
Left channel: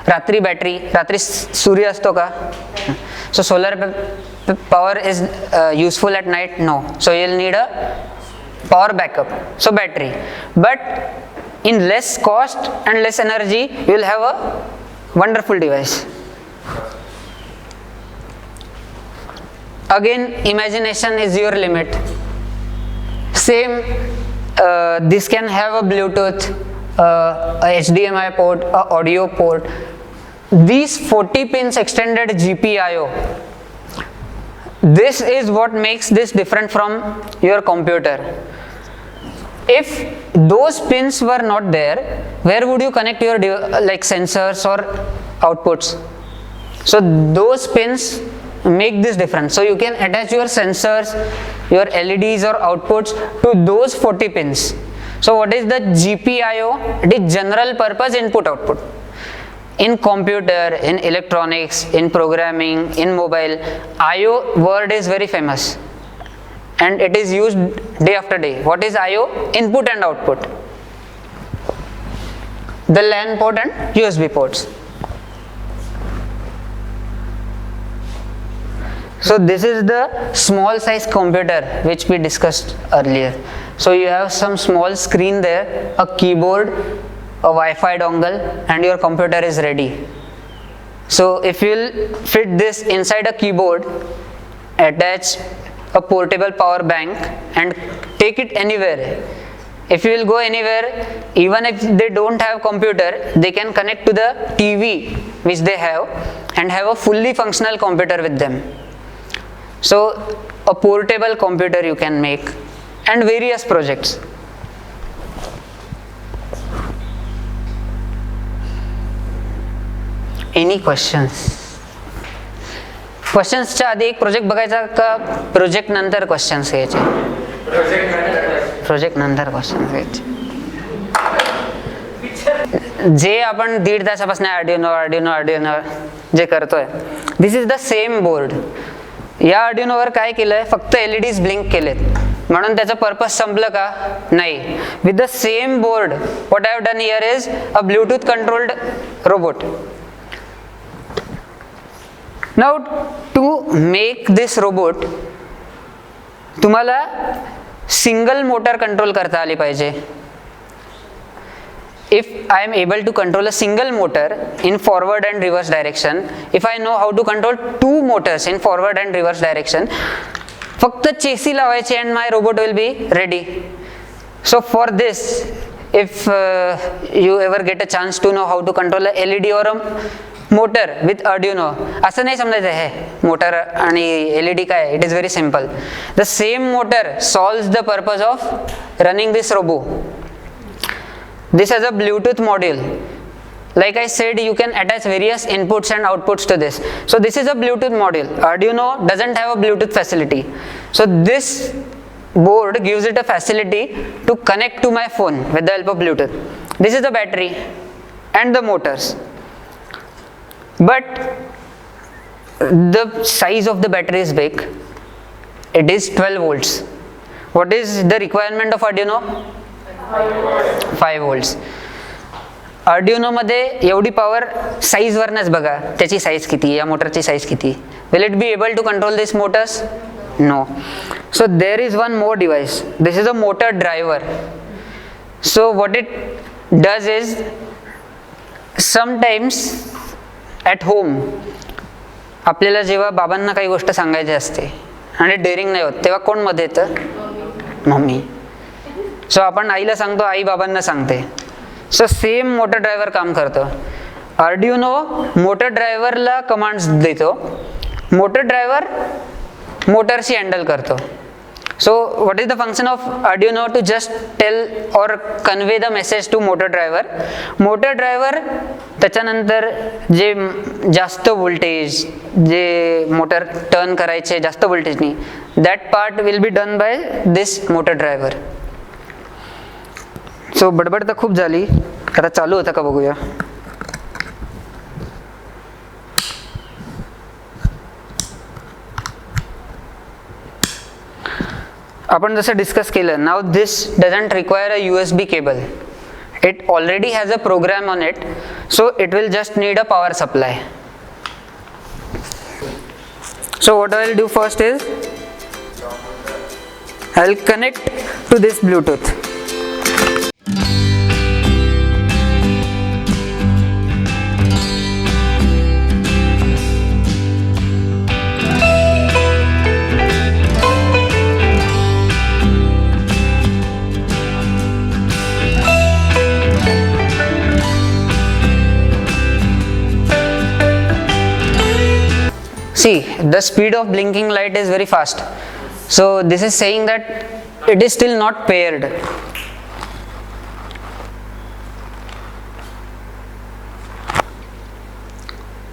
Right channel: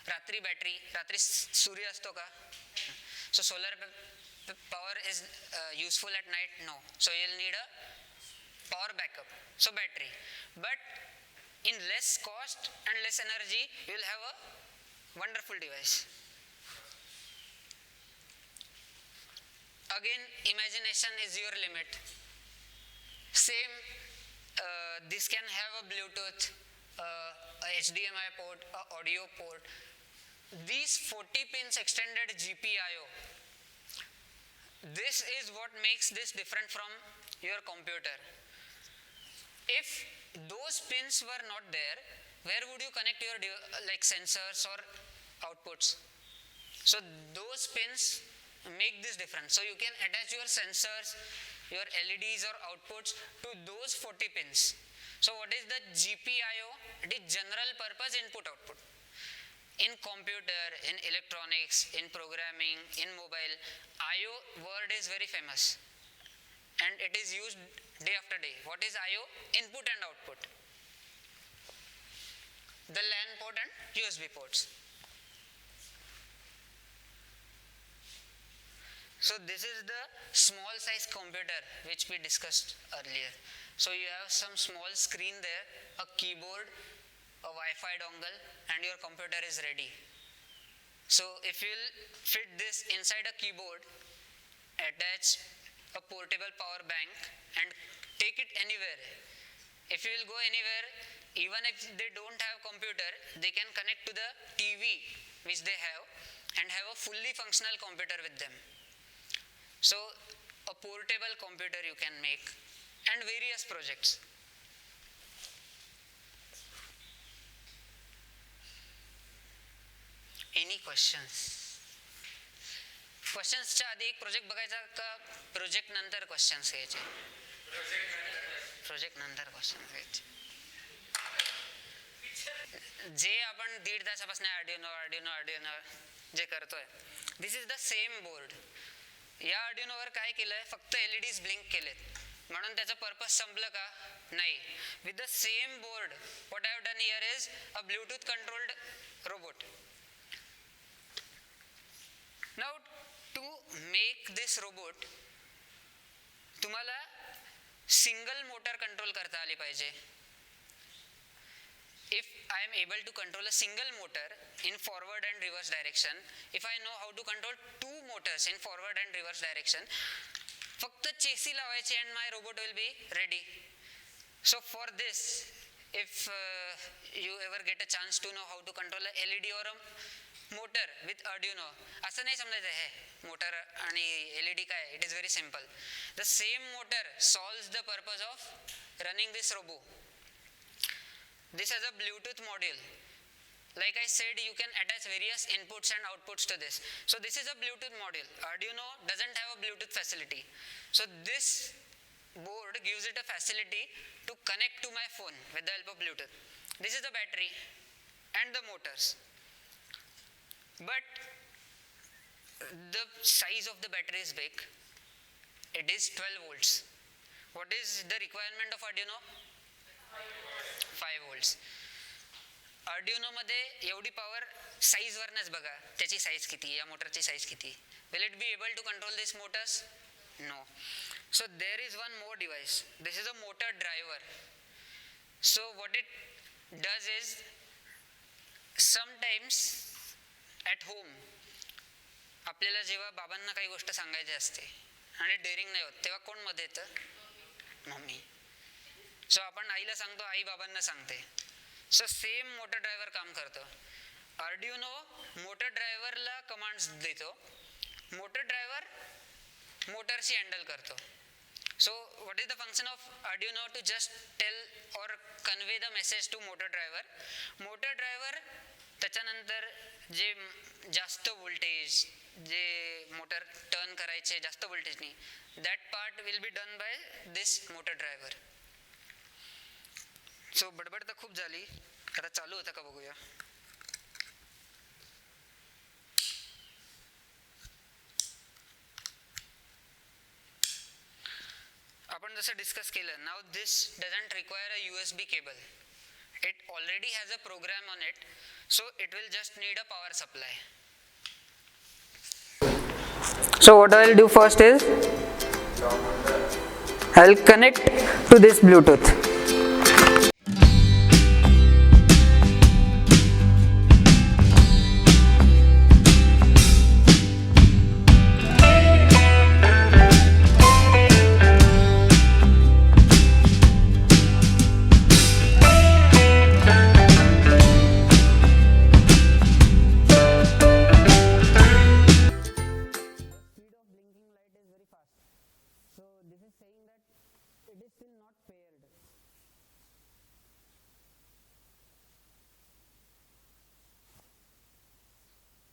रात्री बॅटरी, रात्री सूर्य असतो का? So solar power is useful at night? No. So you will need a power backup, so battery. But in less cost and less energy, you will have a wonderful device. Again, imagination is your limit. Same, this can have a Bluetooth, a HDMI port, a audio port. These 40 pins extended GPIO. This is what makes this different from your computer. If those pins were not there, where would you connect your like sensors or outputs? So those pins make this difference. So you can attach your sensors, your LEDs or outputs to those 40 pins. So what is the GPIO? It is general purpose input output. In computer, in electronics, in programming, in mobile, IO word is very famous and it is used day after day. What is IO? Input and output. The LAN port and USB ports. So this is the small size computer which we discussed earlier. So you have some small screen there, a keyboard, a Wi-Fi dongle, and your computer is ready. So if you will fit this inside a keyboard, attach a portable power bank and take it anywhere. If you will go anywhere, even if they don't have computer, they can connect to the TV which they have and have a fully functional computer with them. So a portable computer you can make, and various projects. Any questions? क्वेश्चन्सच्या आधी एक project बघायचा का project नंतर questions घ्यायचे? Project नंतर questions घ्यायचे. जे आपण 1.5 तासापासून Arduino जे करतोय, this is the same board. या आर्डिनोवर काय केलंय? फक्त LEDs ब्लिंक केलेत, म्हणून त्याचं पर्पज संपलं का? नाही. With the same board what I have done here is a Bluetooth controlled robot. Now to make this robot, तुम्हाला सिंगल मोटर कंट्रोल करता आली पाहिजे. If I am able to control a single motor in forward and reverse direction, if I know how to control 2 motors in forward and reverse direction, फक्त चेसी लावायची and my robot will be ready. So for this, if you ever get a chance to know how to control a LED or a motor with Arduino, असं नाही समजायचं आहे motor आणि LED काय. It is very simple. The same motor solves the purpose of running this robot. This has a Bluetooth module. Like I said, you can attach various inputs and outputs to this. So this is a Bluetooth module. Arduino doesn't have a Bluetooth facility. So this board gives it a facility to connect to my phone with the help of Bluetooth. This is the battery and the motors. But the size of the battery is big. It is 12 volts. What is the requirement of Arduino? 5 volts. Arduino मध्ये एवढी power साईजवरनच बघा त्याची size किती, या मोटरची size किती. Will it be able to control this motors? No. So there is one more device. This is a motor driver. So what it does is sometimes at home आपल्याला जेव्हा बाबांना काही गोष्ट सांगायची असते आणि डेअरिंग नाही होत तेव्हा कोण मध्ये येतं? मम्मी. सो आपण आईला सांगतो, आई बाबांना सांगते. सो सेम मोटर ड्रायव्हर काम करतो. अर्डिनो मोटर ड्रायव्हरला कमांड्स देतो, मोटर ड्रायव्हर मोटरशी हँडल करतो. So what is the function of Arduino? To just tell or convey the message to motor driver. Motor driver त्याच्यानंतर जे जास्त व्होल्टेज, जे मोटर टर्न करायचे जास्त व्होल्टेजनी, that part will be done by this motor driver. So बडबड तर खूप झाली, आता चालू होतं का बघूया. आपण जसं डिस्कस केलं, now this doesn't require a USB cable. It already has a program on it, so it will just need a power supply. So what I will do first is I will connect to this Bluetooth. See, the speed of blinking light is very fast. So this is saying that it is still not paired.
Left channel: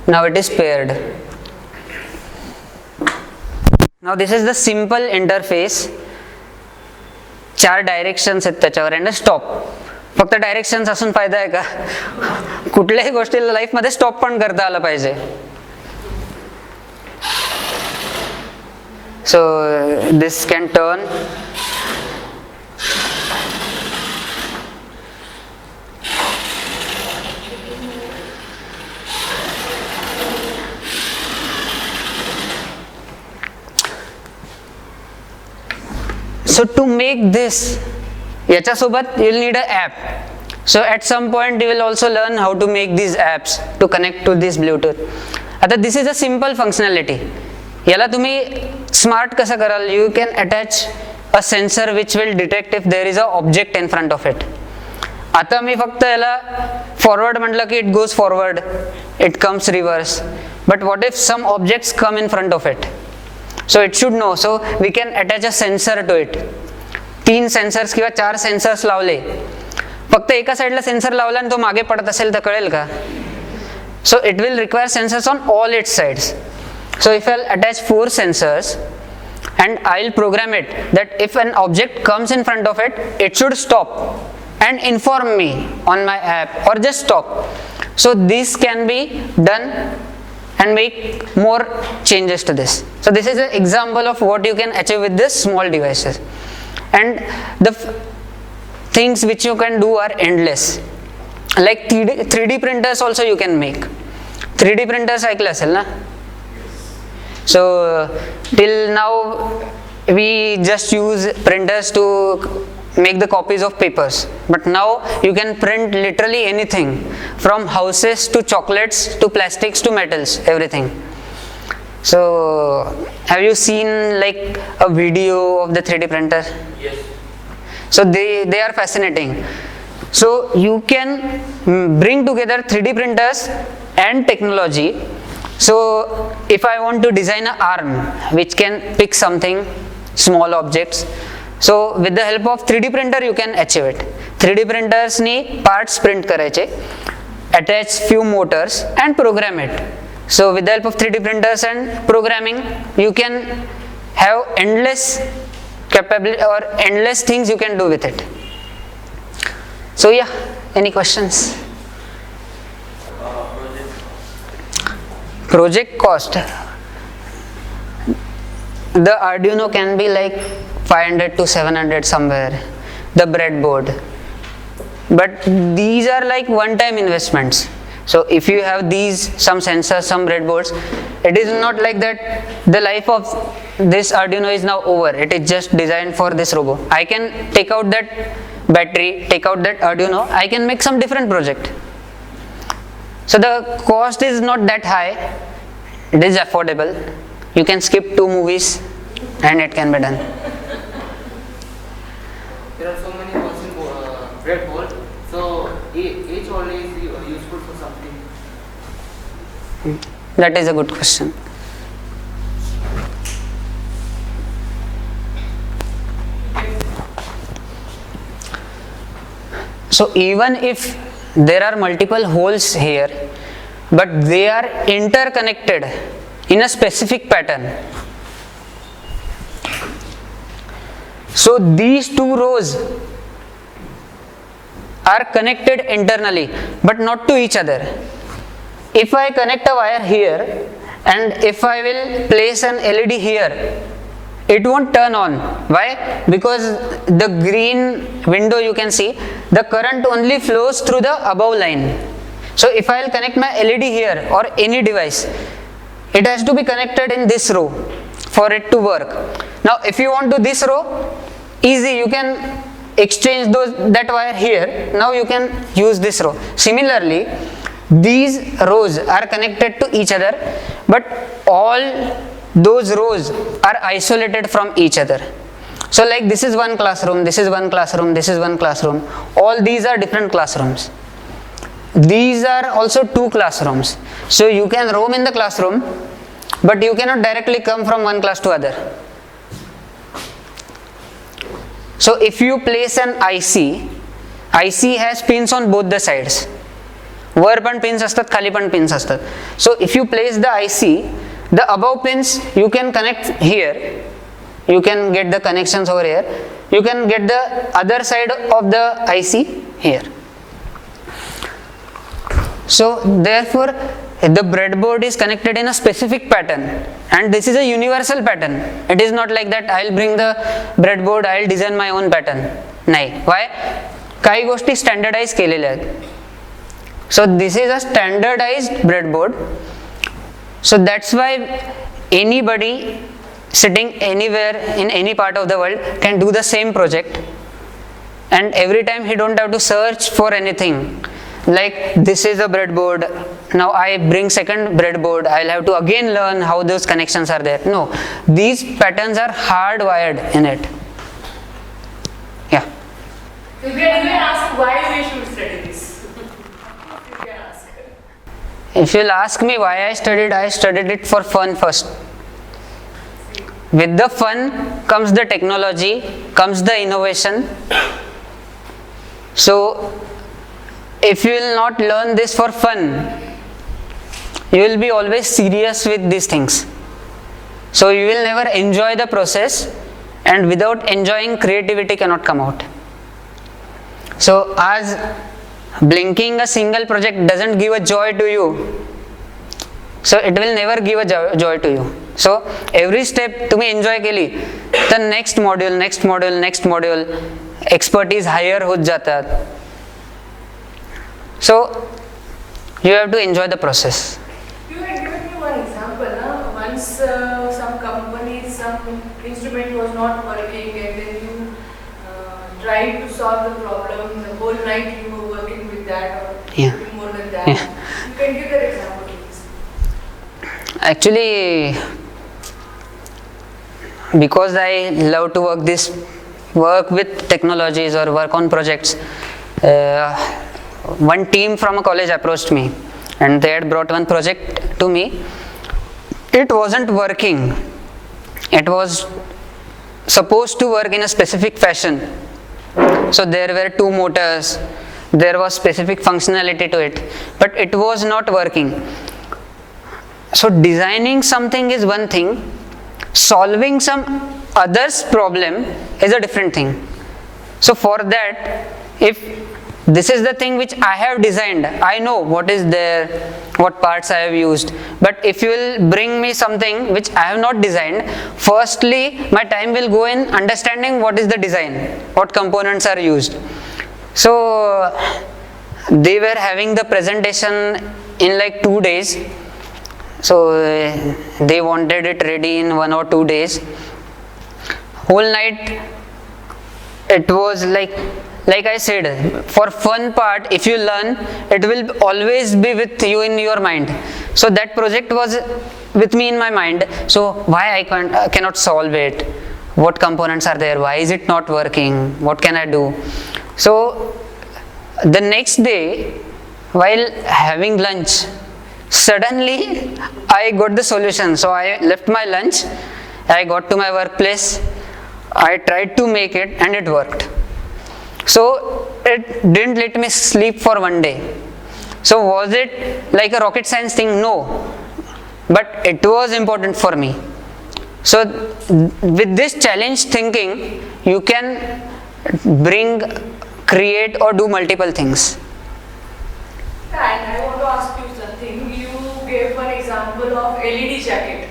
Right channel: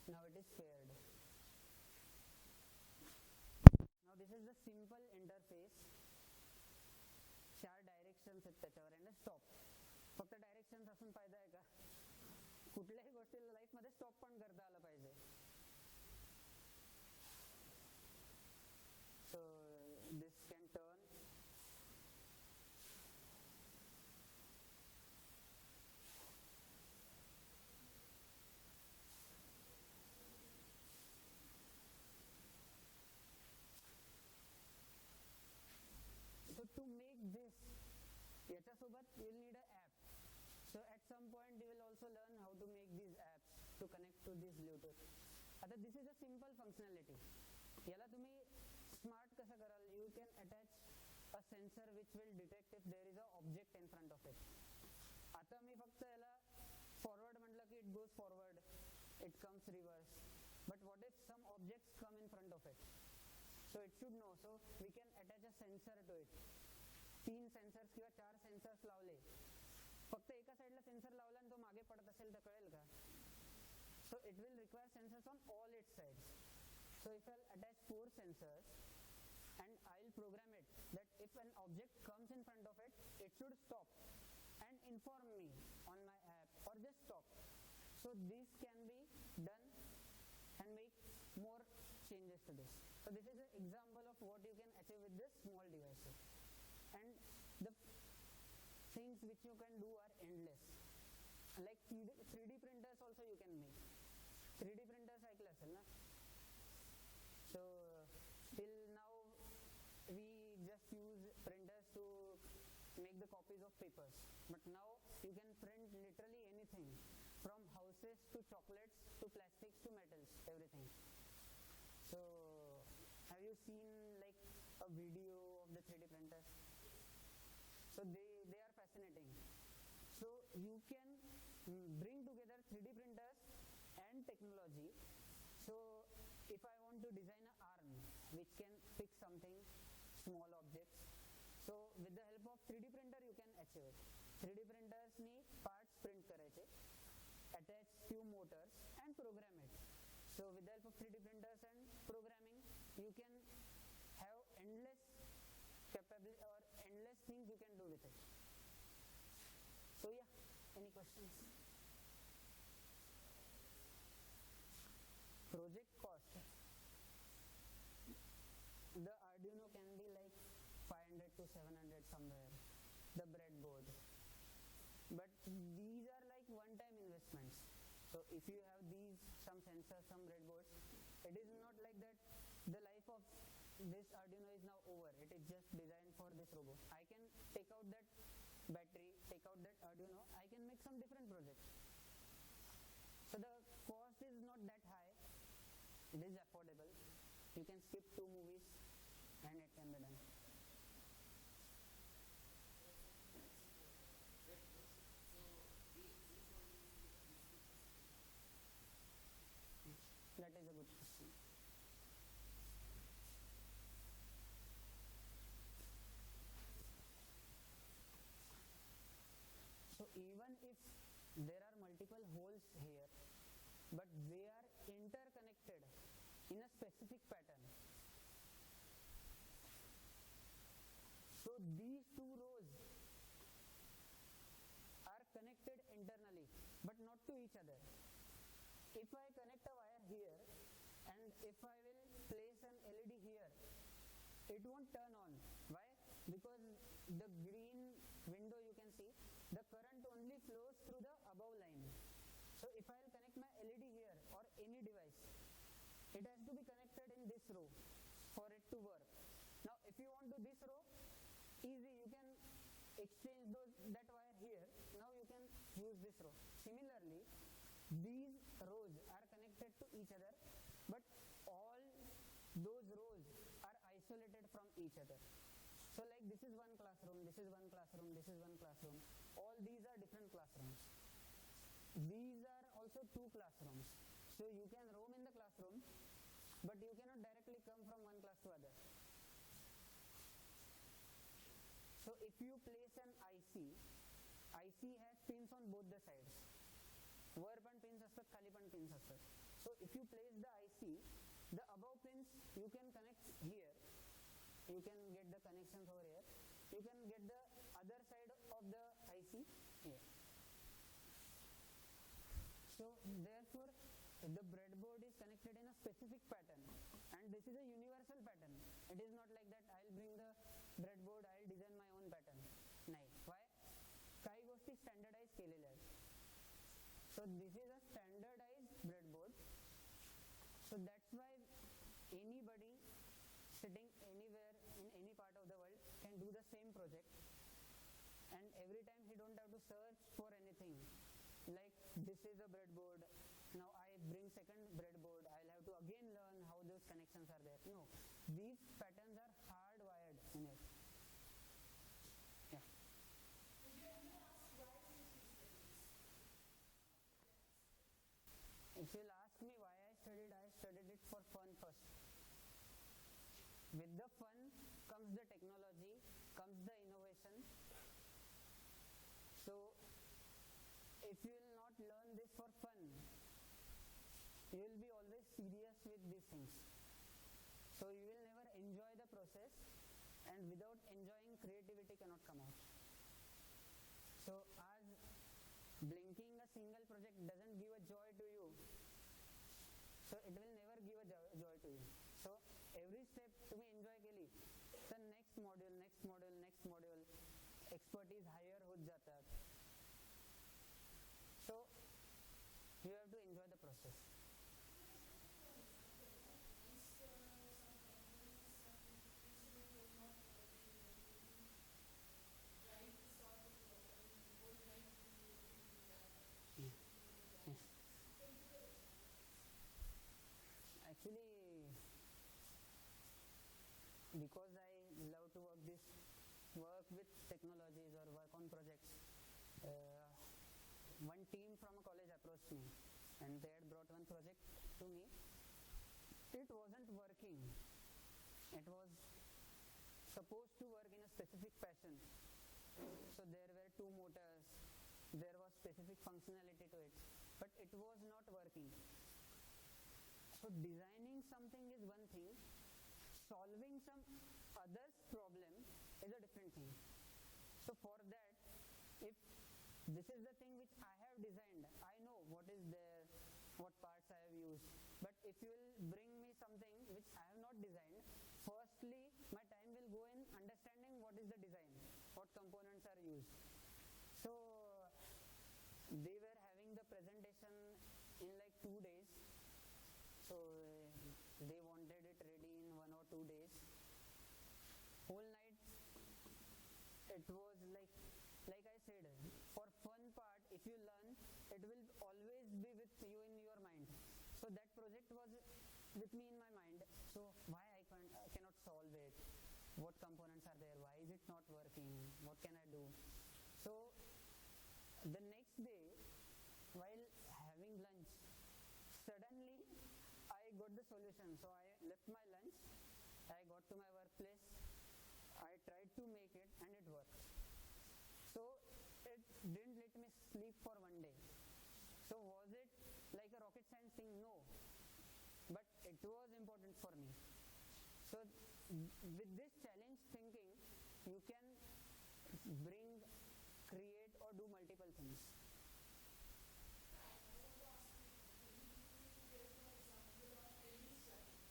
Now it is paired. Now this is the simple interface. 4 directions आहेत त्याच्यावर and stop. फक्त directions असून फायदा आहे का? कुठल्याही गोष्टीला लाईफमध्ये स्टॉप पण करता आलं पाहिजे. So this can turn. So to make this, याच्यासोबत you will need an app. So at some point you will also learn how to make these apps to connect to this Bluetooth. आता this is a simple functionality. याला तुम्ही smart कसं कराल? You can attach a sensor which will detect if there is a object in front of it. आता मी फक्त याला forward म्हटलं की it goes forward, it comes reverse. But what if some objects come in front of it? So it should no. So we can attach a sensor to it. 3 sensors किंवा 4 sensors लावले. फक्त एका साईडला sensor लावला आणि तो मागे पडत असेल तर कळेल का? सो it will require sensors on all it's sides. So if I'll attach 4 sensors and I'll program it that if an object comes in front of it, it should stop and inform me on my app or just stop. So this can be done and make more changes to this. So this is an example of what you can achieve with this small devices. And the things which you can do are endless. Like 3D printers also you can make. 3D printers ऐकलं असेल ना? So till now we just use printers to make the copies of papers, but now you can print literally anything from houses to chocolates to plastics to metals, everything. So have you seen like a video of the 3D printer? Yes. So they are fascinating. So you can bring together 3D printers and technology. So if I want to design an arm which can pick something, small objects, so with the help of 3D printer you can achieve it. 3D printers ni parts print करायचे, attach few motors and program it. So with the help of 3D printers and programming you can have endless capability or endless things you can do with it. So yeah, any questions? Project cost. The Arduino can be like 500 to 700 somewhere. The breadboard. but these are like one-time investments. So if you have these, some sensors, some breadboards, it is not like that the life of this Arduino is now over. It is just designed for this robo. I can take out that battery, take out that Arduino, I can make some different project. So the cost is not that high, it is affordable. You can skip 2 movies and it can be done. There are so many holes in breadboard, so each hole is useful for something. That is a good question. So even if there are multiple holes here, but they are interconnected in a specific pattern. So these 2 rows are connected internally, but not to each other. If I connect a wire here and if I will place an LED here, it won't turn on. Why? Because the green window you can see, the current only flows through the above line. So if I will connect my LED here or any device, it has to be connected in this row for it to work. Now if you want to this row, easy, you can exchange that wire here. Now you can use this row. Similarly, these rows are connected to each other, but all those rows are isolated from each other. So like this is one classroom, this is one classroom, this is one classroom. All these are different classrooms. These are also 2 classrooms. So you can roam in the classroom, but you cannot directly come from one class to other. So if you place an IC has pins on both the sides. वर पण pins असतात, खाली पण pins असतात. So if you place the IC, the above pins you can connect here. You can get the connections over here. You can get the other side of the IC here. So therefore the breadboard is connected in a specific pattern, and this is a universal pattern. It is not like that I'll bring the breadboard, I'll design my own pattern. नाही. Why? काही गोष्टी standardize केलेल्या आहेत. So this is a standardized breadboard. So that's why anybody sitting anywhere in any part of the world can do the same project, and every time he don't have to search for anything. Like this is a breadboard, now I bring second breadboard, I'll have to again learn how those connections are there. No, these patterns are hardwired in it. Yeah. You can even ask why we should study this. You can ask. If you'll ask me why I studied it for fun first. With the fun comes the technology, comes the innovation. So if you will not learn this for fun, you will be always serious with these things. So you will never enjoy the process, and without enjoying, creativity cannot come out. So as blinking a single project doesn't give a joy to you, so it will never give a joy to you. So every step तुम्ही enjoy केली, the next module, expertise higher होत जातात. So you have to enjoy the process. You had given me one example. Once some company, some instrument was not working, and then you tried to solve the problem. The whole night you were working with that, or Yeah. more than that. Yeah. You can give that example, please. Actually, because I love to work with technologies or work on projects, one team from a college approached me, and they had brought one project to me. It wasn't working. It was supposed to work in a specific fashion. So there were 2 motors, there was specific functionality to it, but it was not working. So designing something is one thing, solving some other's problem is a different thing. So for that, if this is the thing which I have designed, I know what is there, what parts I have used. But if you will bring me something which I have not designed, firstly my time will go in understanding what is the design, what components are used. So they were having the presentation in like 2 days. So they wanted it ready in 1 or 2 days. Whole night it was like I said, for fun part, if you learn, it will always be with you in your mind. So that project was with me in my mind. So why I cannot solve it? What components are there? Why is it not working? What can I do? So the next day, while having lunch, suddenly I got the solution. So I left my lunch, I got to my workplace, I tried to make it, and it worked. So it didn't let me sleep for 1 day. So was it like a rocket science thing? No. But it was important for me. So with this challenge thinking, you can bring, create or do multiple things. And I want to ask you something. You gave one example of LED jacket.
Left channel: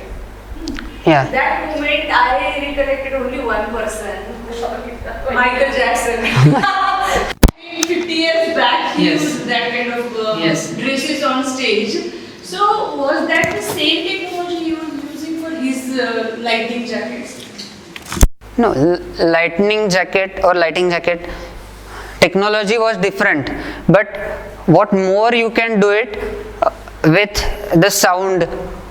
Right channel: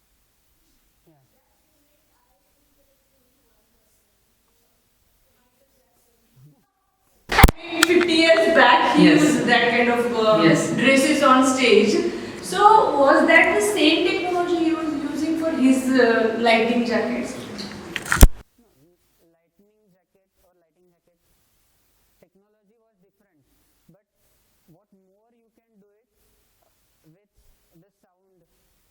Yeah. That moment I recollected only one person, Michael Jackson. 50 years back he Yes. used that kind of Yes. dresses on stage. So was that the same technology he was using for his lighting jackets? No, lighting jacket technology was different, but what more you can do it with the sound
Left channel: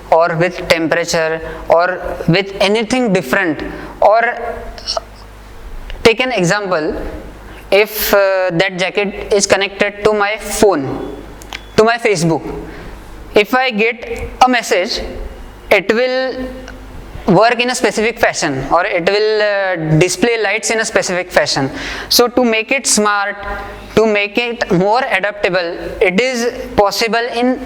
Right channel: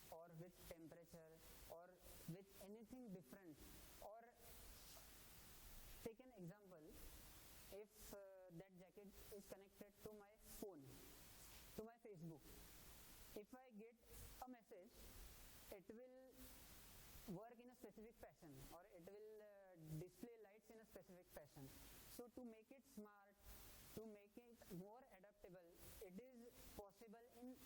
or with temperature or with anything different. Or take an example, if that jacket is connected to my phone, to my Facebook, if I get a message, it will work in a specific fashion, or it will display lights in a specific fashion. So to make it smart, to make it more adaptable, it is possible in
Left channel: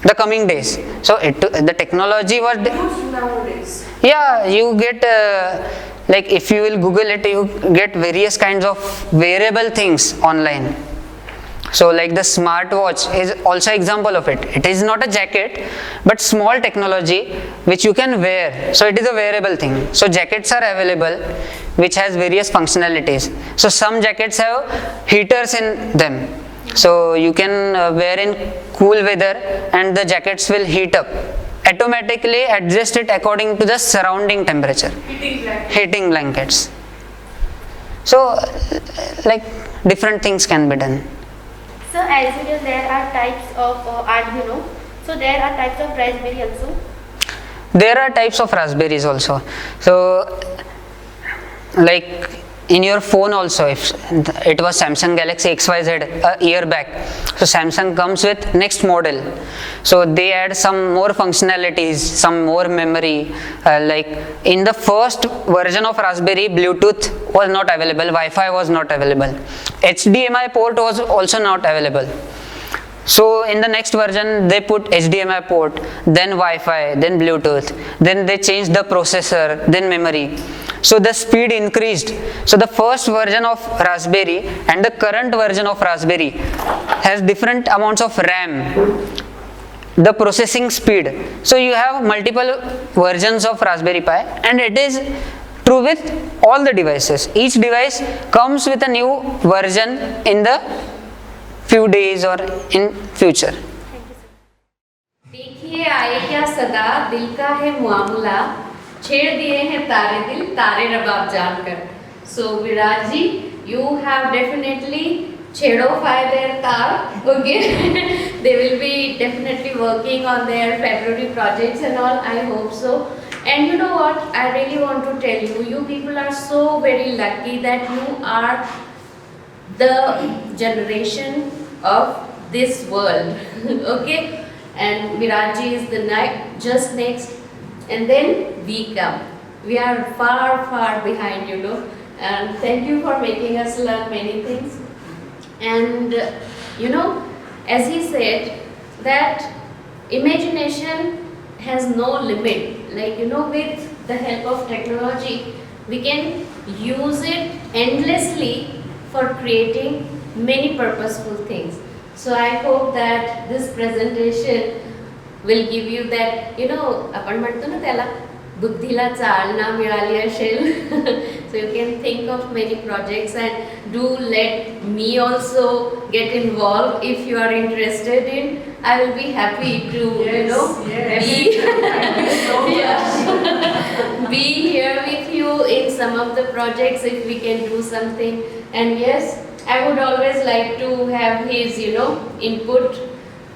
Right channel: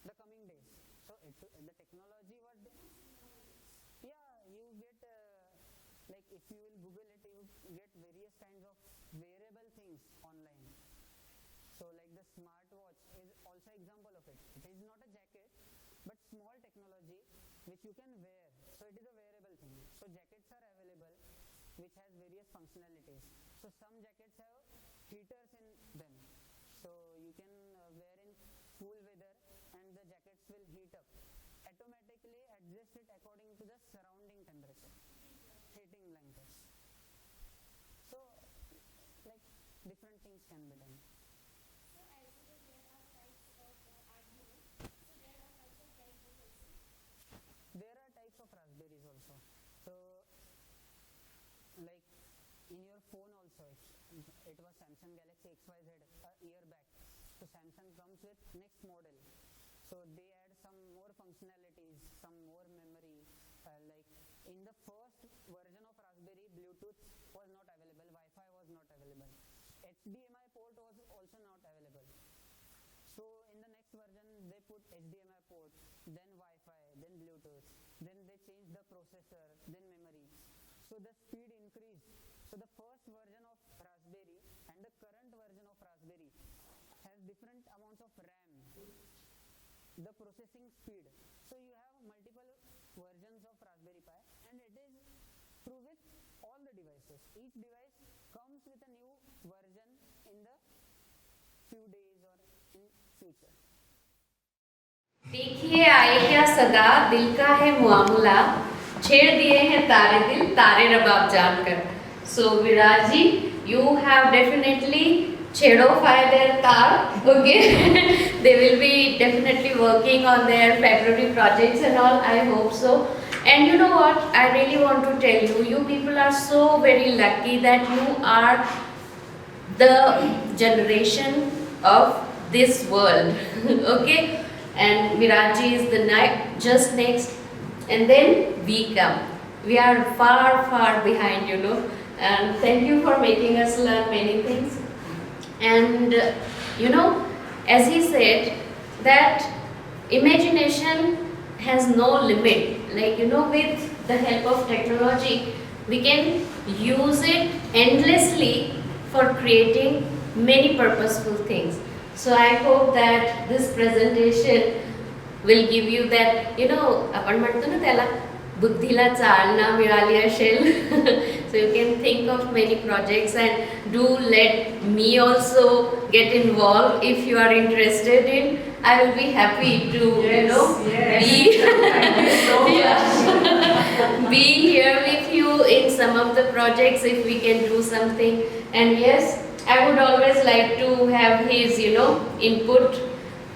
the coming days. So the technology was Used nowadays. yeah, you get like if you will Google it, you get various kinds of wearable things online. So like the smartwatch is also example of it. It is not a jacket, but small technology which you can wear. So it is a wearable thing. So jackets are available which has various functionalities. So some jackets have heaters in them. So you can wear in cool weather and the jackets will heat up. Automatically adjust it according to the surrounding temperature. Heating blankets. So like different things can be done. So as you know, there are types of Arduino. So there are types of Raspberry also. There are types of raspberries also. So like in your phone also, if it was Samsung Galaxy XYZ a year back, so Samsung comes with next model. So they add some more functionalities, some more memory. Like in the first version of Raspberry, Bluetooth was not available, Wi-Fi was not available, HDMI port was also not available. So in the next version they put HDMI port, then Wi-Fi, then Bluetooth, then they changed the processor, then memory. So the speed increased. So the first version of Raspberry and the current version of Raspberry has different amounts of RAM, the processing speed. So you have multiple versions of Raspberry Pi, and it is true with all the devices. Each device comes with a new version in the few days or in future. देखिए आए क्या सदा, दिल का है मामला, छेड़ दिए हैं तारे दिल, तारे रबाब जानकर. So Viraj ji, you have definitely छेड़ोfied their tar. Okay, they will be definitely working on their February projects and all. I hope so. And you know what? I really want to tell you, you people are so very lucky that you are the generation of this world. Okay, and Virajji is the just next, and then we come. We are far behind, you know. And thank you for making us learn many things. And you know, as he said, that imagination has no limit. Like, you know, with the help of technology, we can use it endlessly for creating many purposeful things. So I hope that this presentation will give you that, you know, आपण म्हणतो ना त्याला बुद्धीला चालना मिळाली असेल So you can think of many projects, and do let me also get involved if you are interested in. I will be happy to be yeah, be here with you in some of the projects if we can do something. And yes, I would always like to have his input.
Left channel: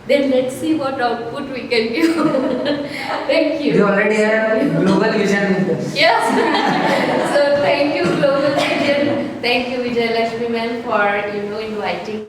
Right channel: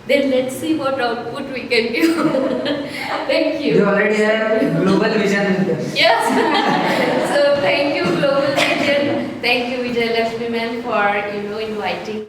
Then let's see what output we can give. Thank you. You already have global vision with us. Yes. So thank you, Global Vision. Thank you, Vijay Lakshmi ma'am, for inviting